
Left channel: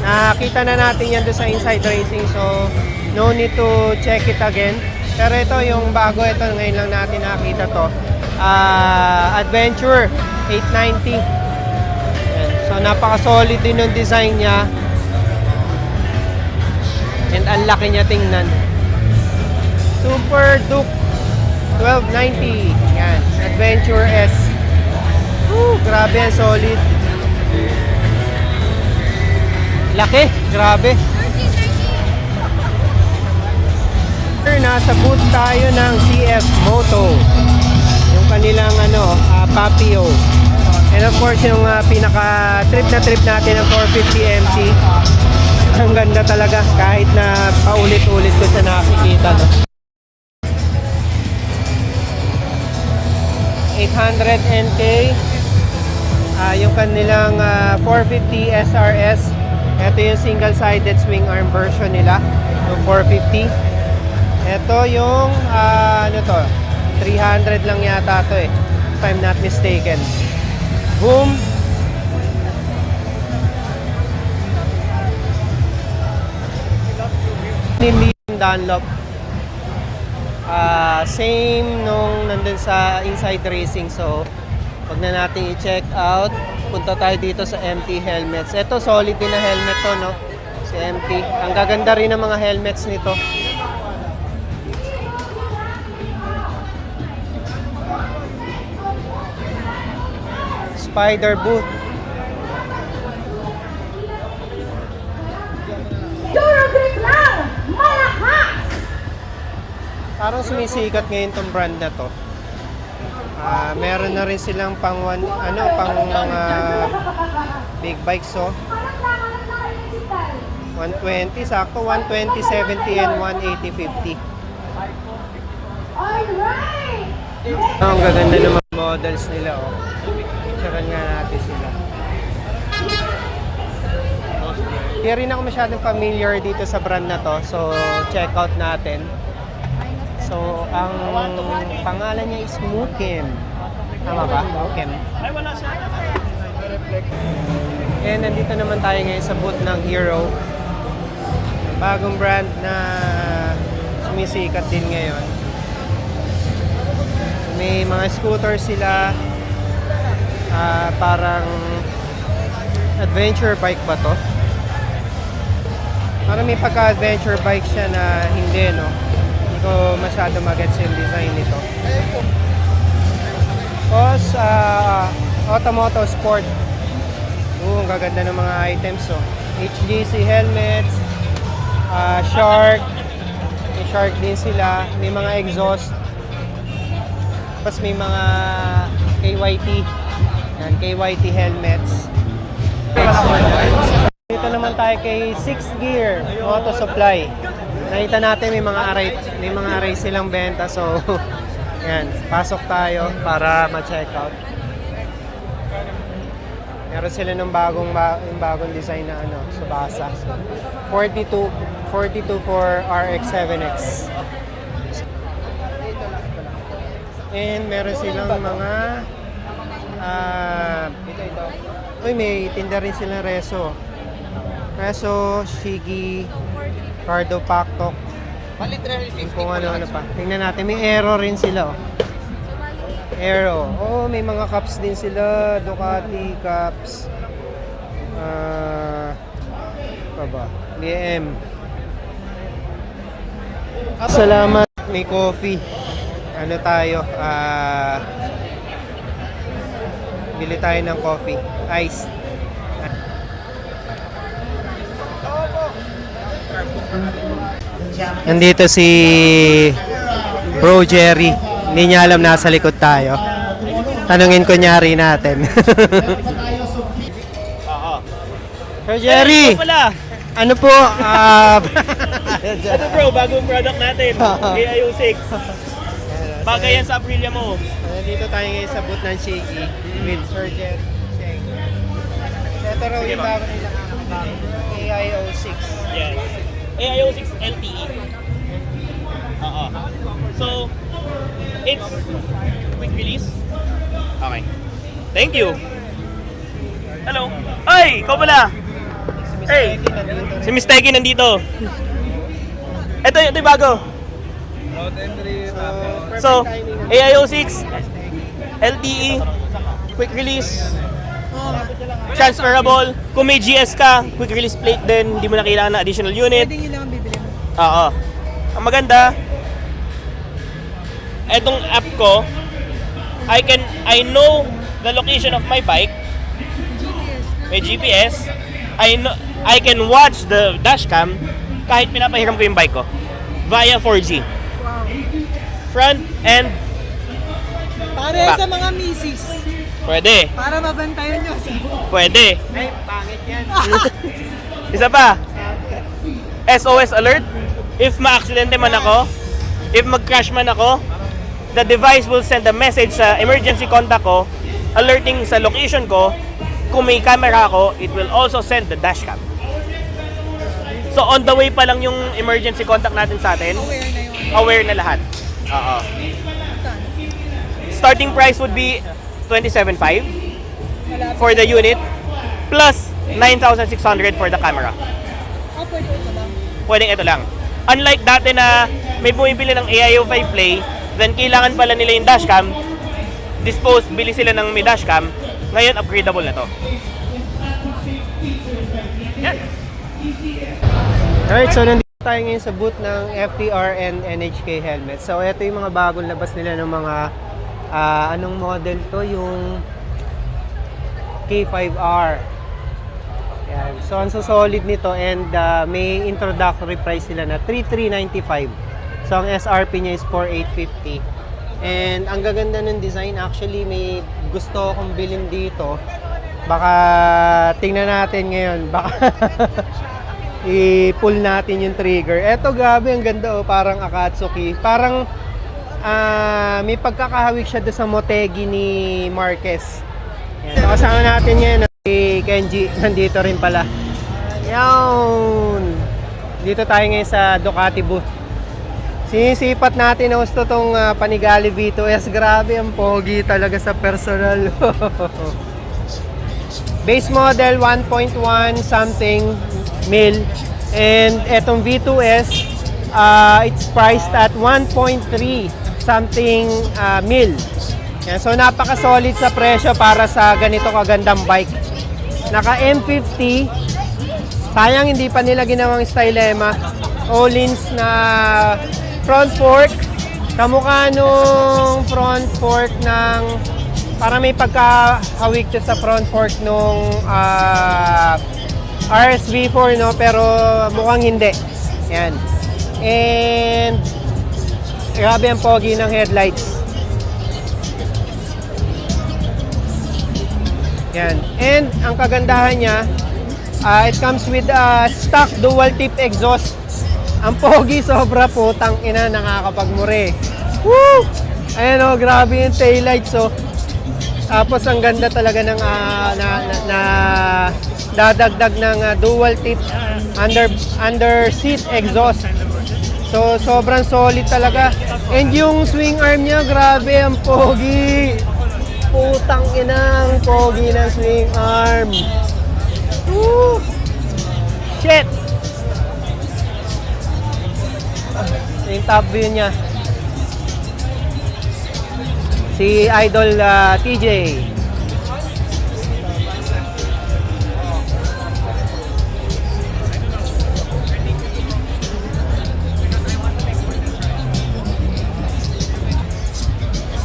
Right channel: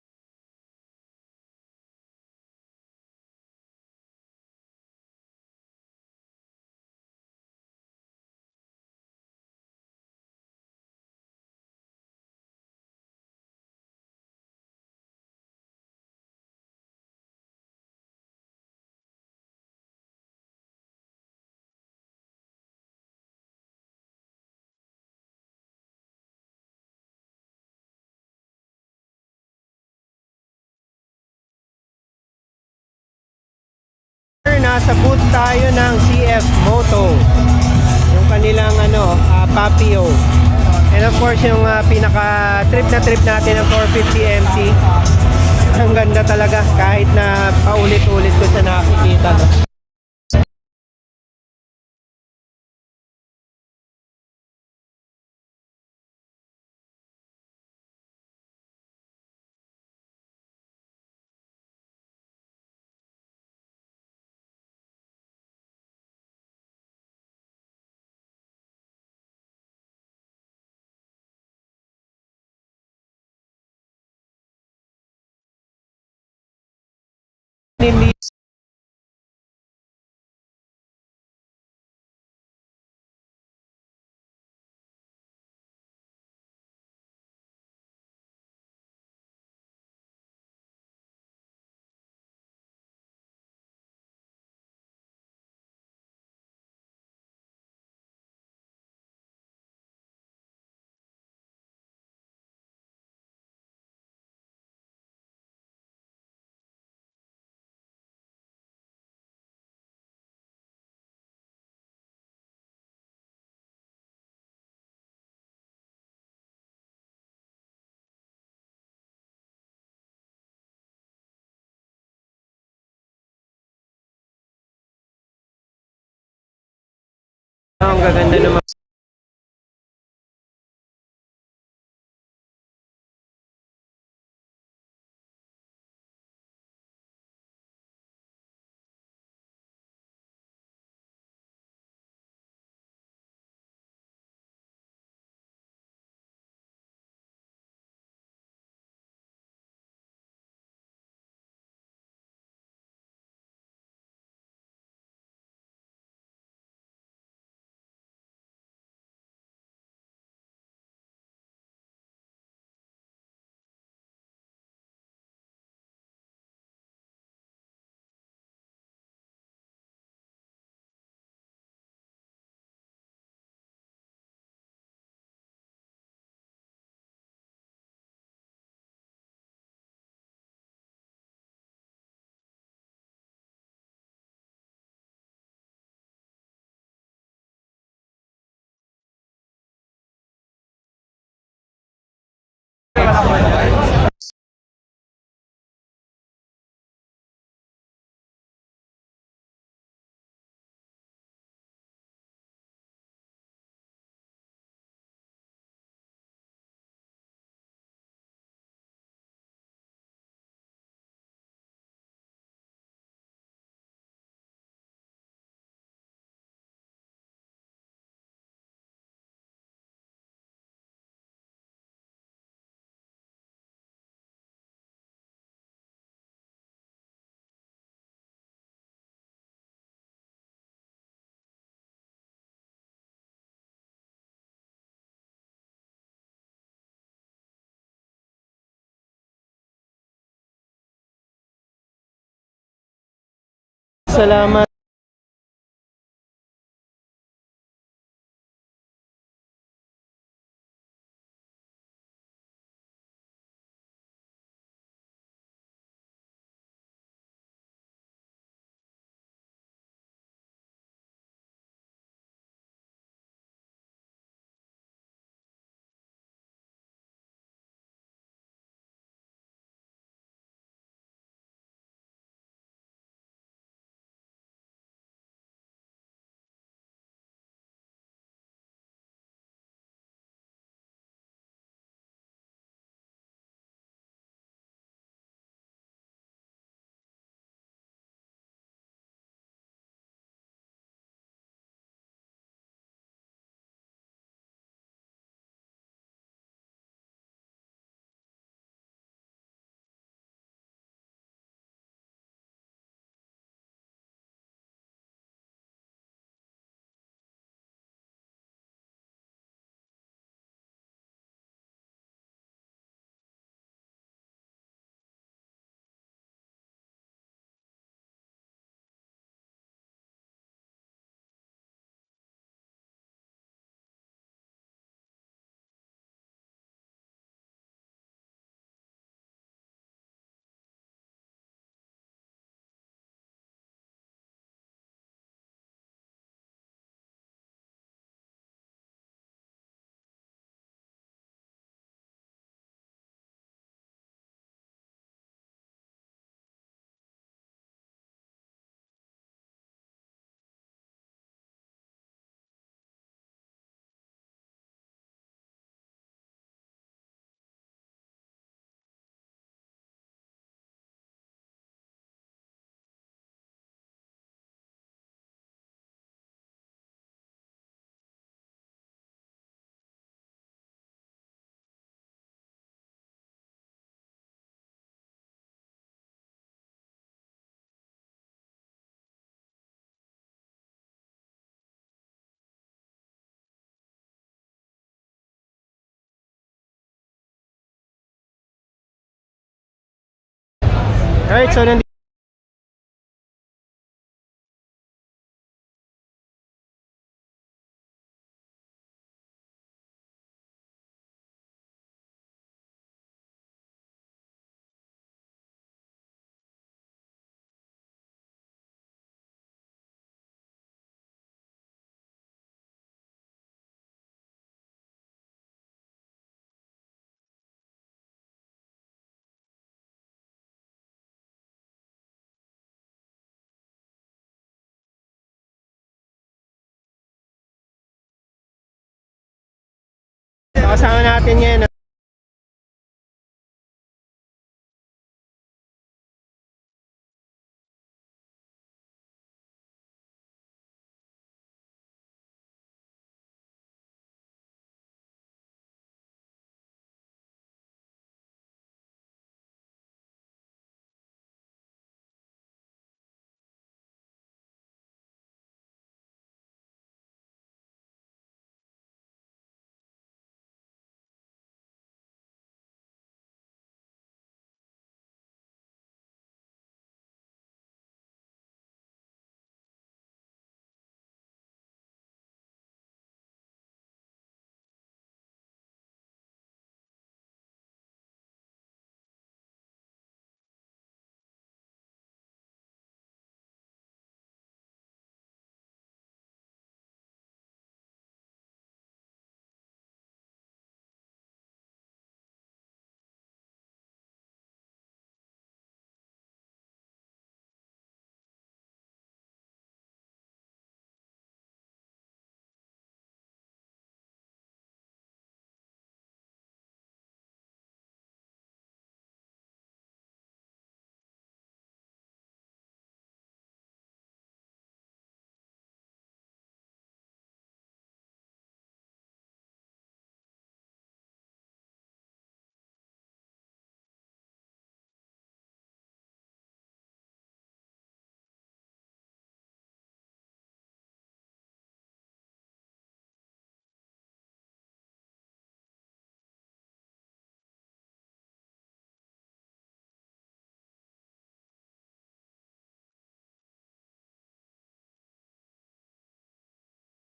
Nakita na natin yan doon sa Inside Racing. So, no need to check it again. Pero ito yung bago. Ito ngayon lang natin nakita to. Adventure 890. Yan. So, napaka-solid din yung design niya. And ang laki niya tingnan. Super Duke 1290. Yan. Adventure S. Grabe, solid. Laki, grabe. Nasa booth tayo ng CF Moto. Yung kanilang Papio. And of course, yung pinaka-trip na trip natin ng 450 MC. Ang ganda talaga kahit na paulit-ulit ko siya nakikita. No? 800 NK. Yung kanilang 450 SRS. Ito yung single-sided swing arm version nila. Yung 450. Ito yung 300 lang yata to if I'm not mistaken. Boom. Dunlop. Same nung nandun sa Inside Racing. So, wag na natin i-check out. Punta tayo dito sa MT helmets. Ito, solid din na helmet to, no? Si MT. Ang gaganda rin ng mga helmets nito. Spider Boot. Parang sumisikat ngayon tong brand na to. Meron na rin silang pang mga big bikes, so 120, sakto 120, 70 and 180, 50. Ang gaganda ng mga models nila, oh. Picturean nga natin sila. Hindi rin ako masyadong familiar dito sa brand na to, so check out natin. So, ang pangalan niya is Mukim. Tama ba? Mukim. And nandito naman tayo ngayon sa booth ng Hero. Bagong brand na sumisikat din ngayon. May mga scooter sila. Parang adventure bike ba to? Parang may pagka-adventure bike siya na hindi, no? Ko masyado magets yung design nito. Tapos, Automoto Sport. Ang gaganda ng mga items. So, HGC helmets, Shark. May Shark din sila. May mga exhaust. Tapos may mga KYT. Yan, KYT helmets. Dito naman tayo kay 6 Gear Auto Supply. Nakita natin may mga array silang benta, so yan, pasok tayo para ma-check out. Meron sila ng bagong design na Subasa. 42 for RX-7X. And meron silang mga may tinda rin silang Reso, Shigi, Cardo Pactok. Kung ano pa. Tingnan natin. May Aero rin sila. Aero. May mga cups din sila. Ducati cups. BM. Salamat. May coffee. Tayo? Bili tayo ng coffee. Iced. Nandito si Bro Jerry. Hindi niya alam nasa likod tayo. Tanungin kunyari natin. Sir Jerry! Ano po, Ito bro, bagong product natin. AIO6. Bagay yan sa Aprilia mo. Nandito tayo ngayon sa booth ng Shaky with Surgeon Sheng. Ito raw yung bago nilang AIO6. Yes. AIO6 LTE. Oo. So, it's quick release. Okay. Thank you. Hello. Ay, ikaw pala. Hey, si Miss Teki nandito. Ito yung bago. So, AIO6, LTE, quick release, transferable. Kung may GS ka, quick release plate din, hindi mo na kailangan ng additional unit. Pwede yun lang ang bibili mo. Oo. Ang maganda, etong app ko, I know the location of my bike. May GPS. I can watch the dashcam kahit pinapahiram ko yung bike ko via 4G. Front and Para back. sa mga misis. Pwede. Para mabantayan nyo. Pwede. Ay, pangit yan. Isa pa. SOS alert. If ma-aksidente man ako, if mag-crash man ako, the device will send a message sa emergency contact ko, alerting sa location ko. Kung may camera ako, it will also send the dashcam. So on the way pa lang yung emergency contact natin sa atin, aware na lahat. Oo. Starting price would be 27,500 for the unit plus 9,600 for the camera. Oh, pwede ito lang. Pwedeng ito lang. Unlike dati na may bumibili ng AIO5 Play, then kailangan pala nila yung dashcam, bili sila ng may dashcam, ngayon upgradable na to. Yan. Alright, so nandito tayo ngayon sa booth ng FTR and NHK helmet. So ito yung mga bagong labas nila ng mga anong model to, yung K5R. Yan. So ang solid nito and may introductory price sila na 3,395. So ang SRP niya is 4,850. And ang gaganda ng design, actually may gusto akong bilhin dito. Baka tingnan natin ngayon, baka i-pull natin yung trigger. Eto, grabe, ang ganda oh, parang Akatsuki. Parang may pagkakahawig siya doon sa Motegi ni Marquez. So, kasama natin ngayon si Kenji, nandito rin pala. Yan! Dito tayo ngayon sa Ducati booth. Sinisipat natin na gusto tong Panigale V2S. Grabe, ang pogi talaga sa personal. Base model 1.1 something mil, and etong V2S it's priced at 1.3 something mil. Yan, so napaka solid sa presyo para sa ganito kagandang bike. Naka M50, sayang hindi pa nila ginawang Stylema. Öhlins na front fork, kamukha nung front fork ng para may pagkahawig siya sa front fork nung RSV4, no? Pero mukhang hindi. Yan. And grabe ang pogi ng headlights. Yan. And ang kagandahan niya, it comes with a stock dual tip exhaust. Ang pogi, sobra, putang ina, nakakapagmure. Woo! Ayan o, grabe yung taillights, oh. Tapos ang ganda talaga ng dadagdag ng dual tip under seat exhaust. So sobrang solid talaga. And yung swing arm niya, grabe ang pogi. Putang ina, ang pogi ng swing arm. Woo! Shit. Yung top view niya. Si Idol TJ.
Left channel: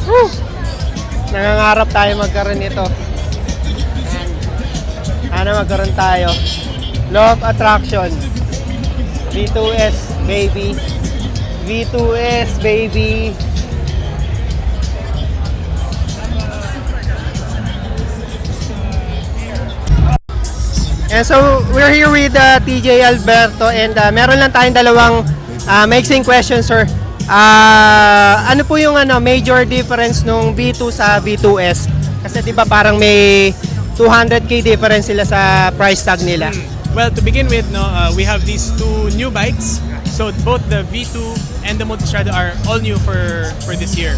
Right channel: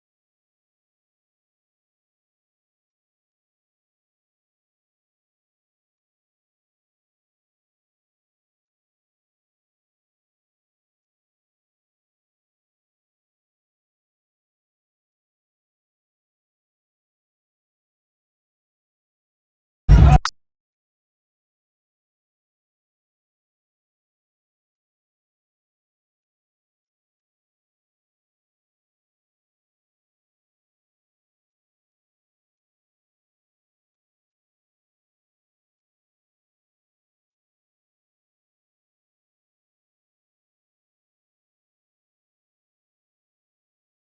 Woo! Nangangarap tayo magkaroon nito. Sana magkaroon tayo. Law of Attraction. V2S baby. V2S baby. And so, we're here with TJ Alberto and meron lang tayong dalawang mixing questions, sir. Ano po yung major difference nung V2 sa V2S? Kasi di ba parang may 200k difference sila sa price tag nila. Well, to begin with, we have these two new bikes. So both the V2 and the Multistrada are all new for this year.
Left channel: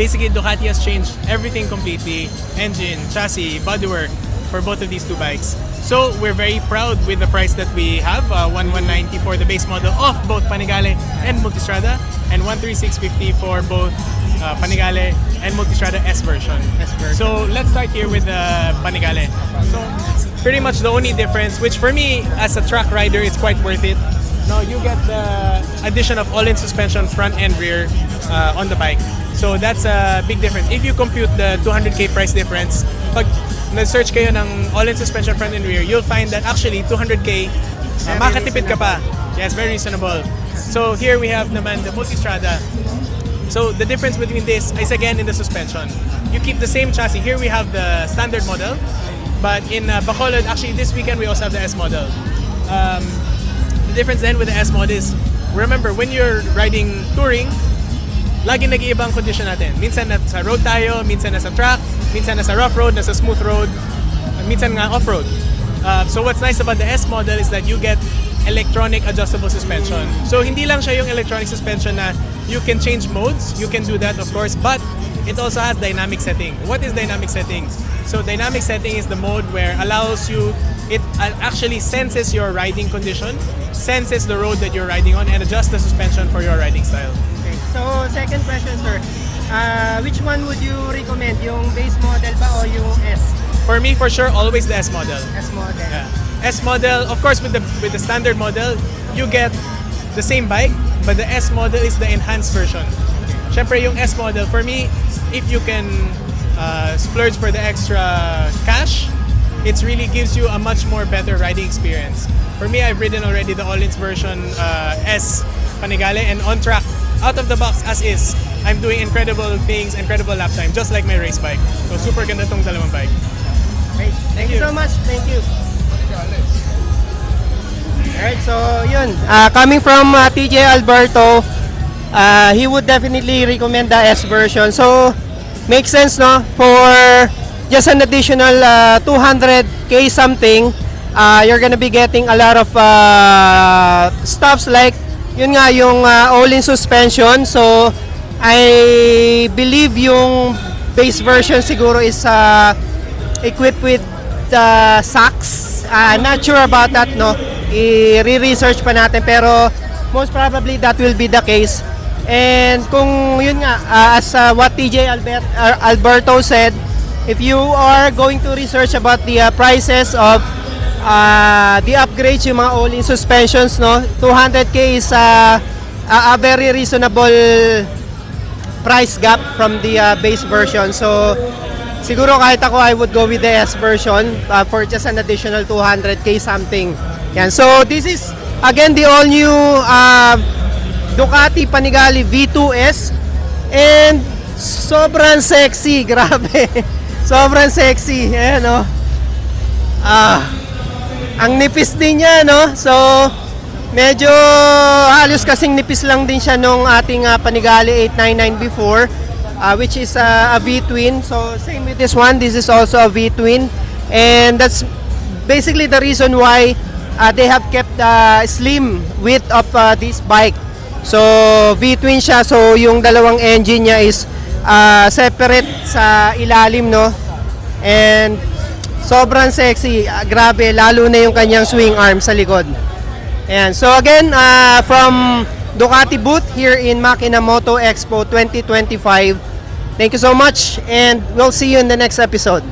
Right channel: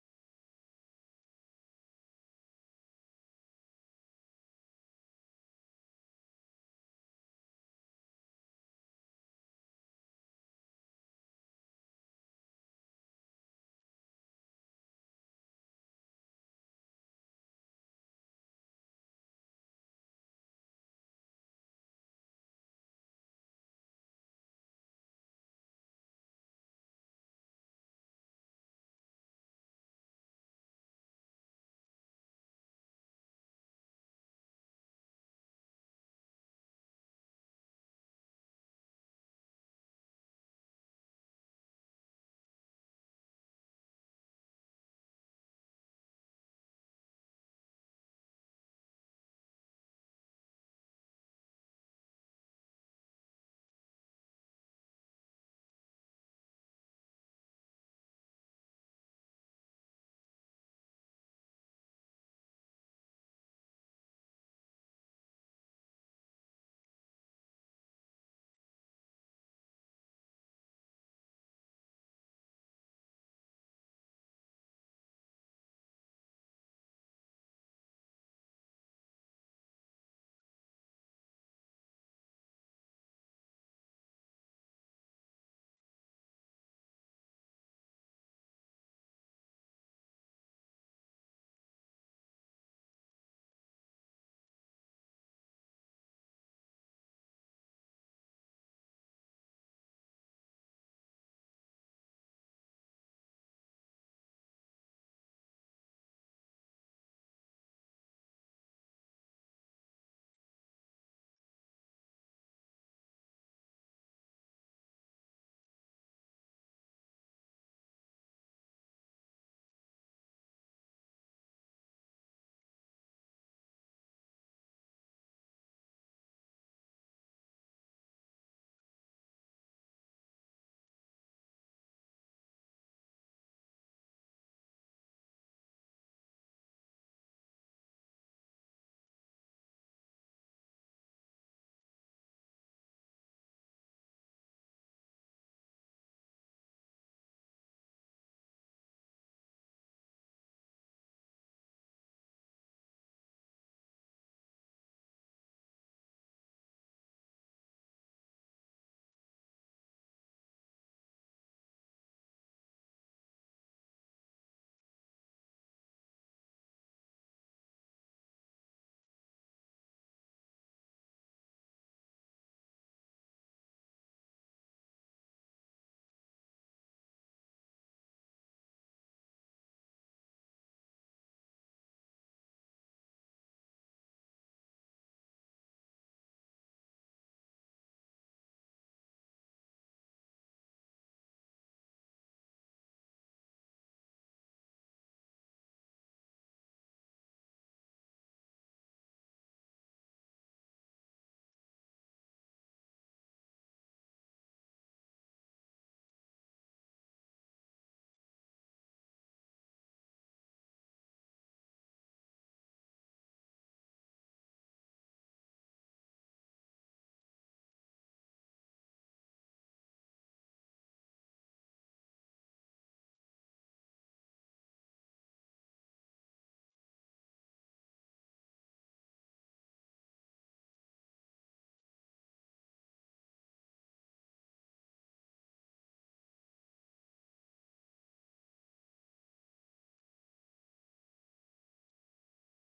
Basically, Ducati has changed everything completely: engine, chassis, bodywork for both of these two bikes. So we're very proud with the price that we have, 1,190 for the base model of both Panigale and Multistrada, and 1,3650 for both Panigale and Multistrada S version. So let's start here with the Panigale. So pretty much the only difference, which for me as a track rider is quite worth it. No, you get the addition of all-in suspension front and rear on the bike. So that's a big difference. If you compute the 200k price difference, pag na-search kayo ng all-in suspension front and rear, you'll find that actually 200k, makatipid ka pa. Yes, very reasonable. So here we have naman the Multistrada. So the difference between this is again in the suspension. You keep the same chassis. Here we have the standard model, but in Bacolod, actually this weekend we also have the S model. The difference then with the S mod is, remember when you're riding touring, laging nag-iibang condition natin. Minsan nasa road tayo, minsan nasa track, minsan nasa rough road, nasa smooth road, minsan nga off-road. So what's nice about the S model is that you get electronic adjustable suspension. So hindi lang siya yung electronic suspension na you can change modes, you can do that of course, but it also has dynamic setting. What is dynamic setting? So dynamic setting is the mode where allows you, it actually senses your riding condition, senses the road that you're riding on, and adjusts the suspension for your riding style. Okay. So, second question, sir. Which one would you recommend? Yung base model ba o yung S? For me, for sure, always the S model. S model. Yeah. S model, of course, with the standard model, you get the same bike, but the S model is the enhanced version. Syempre, yung S model, for me, if you can splurge for the extra cash, it really gives you a much more better riding experience. For me, I've ridden already the all-ins version S Panigale, and on track, out of the box as is, I'm doing incredible things, incredible lap time, just like my race bike. So super ganda tong dalawang bike. Great. Thank you so much. Thank you. Alright, so yun. Coming from TJ Alberto, he would definitely recommend the S version. So, makes sense, no? For just an additional 200k something, you're gonna be getting a lot of stuffs like yun nga yung all-in suspension. So I believe yung base version siguro is equipped with socks. Not sure about that, no? I-research pa natin, pero most probably that will be the case. And kung yun nga, as what TJ Alberto said, if you are going to research about the prices of the upgrades, yung mga all-in suspensions, no, 200k is a very reasonable price gap from the base version. So siguro kahit ako, I would go with the S version for just an additional 200k something. Yan. So this is again the all new Ducati Panigale V2S, and sobrang sexy, grabe. Sobrang sexy. Ayan, no. Ang nipis din niya, no? So, medyo halos kasing nipis lang din siya nung ating Panigale 899 before, which is a V-twin. So, same with this one. This is also a V-twin. And that's basically the reason why they have kept the slim width of this bike. So, V-twin siya. So, yung dalawang engine niya is separate sa ilalim, no? And sobrang sexy, grabe, lalo na yung kanyang swing arm sa likod. Ayan. So again, from Ducati booth here in Makina Moto Expo 2025, thank you so much, and we'll see you in the next episode.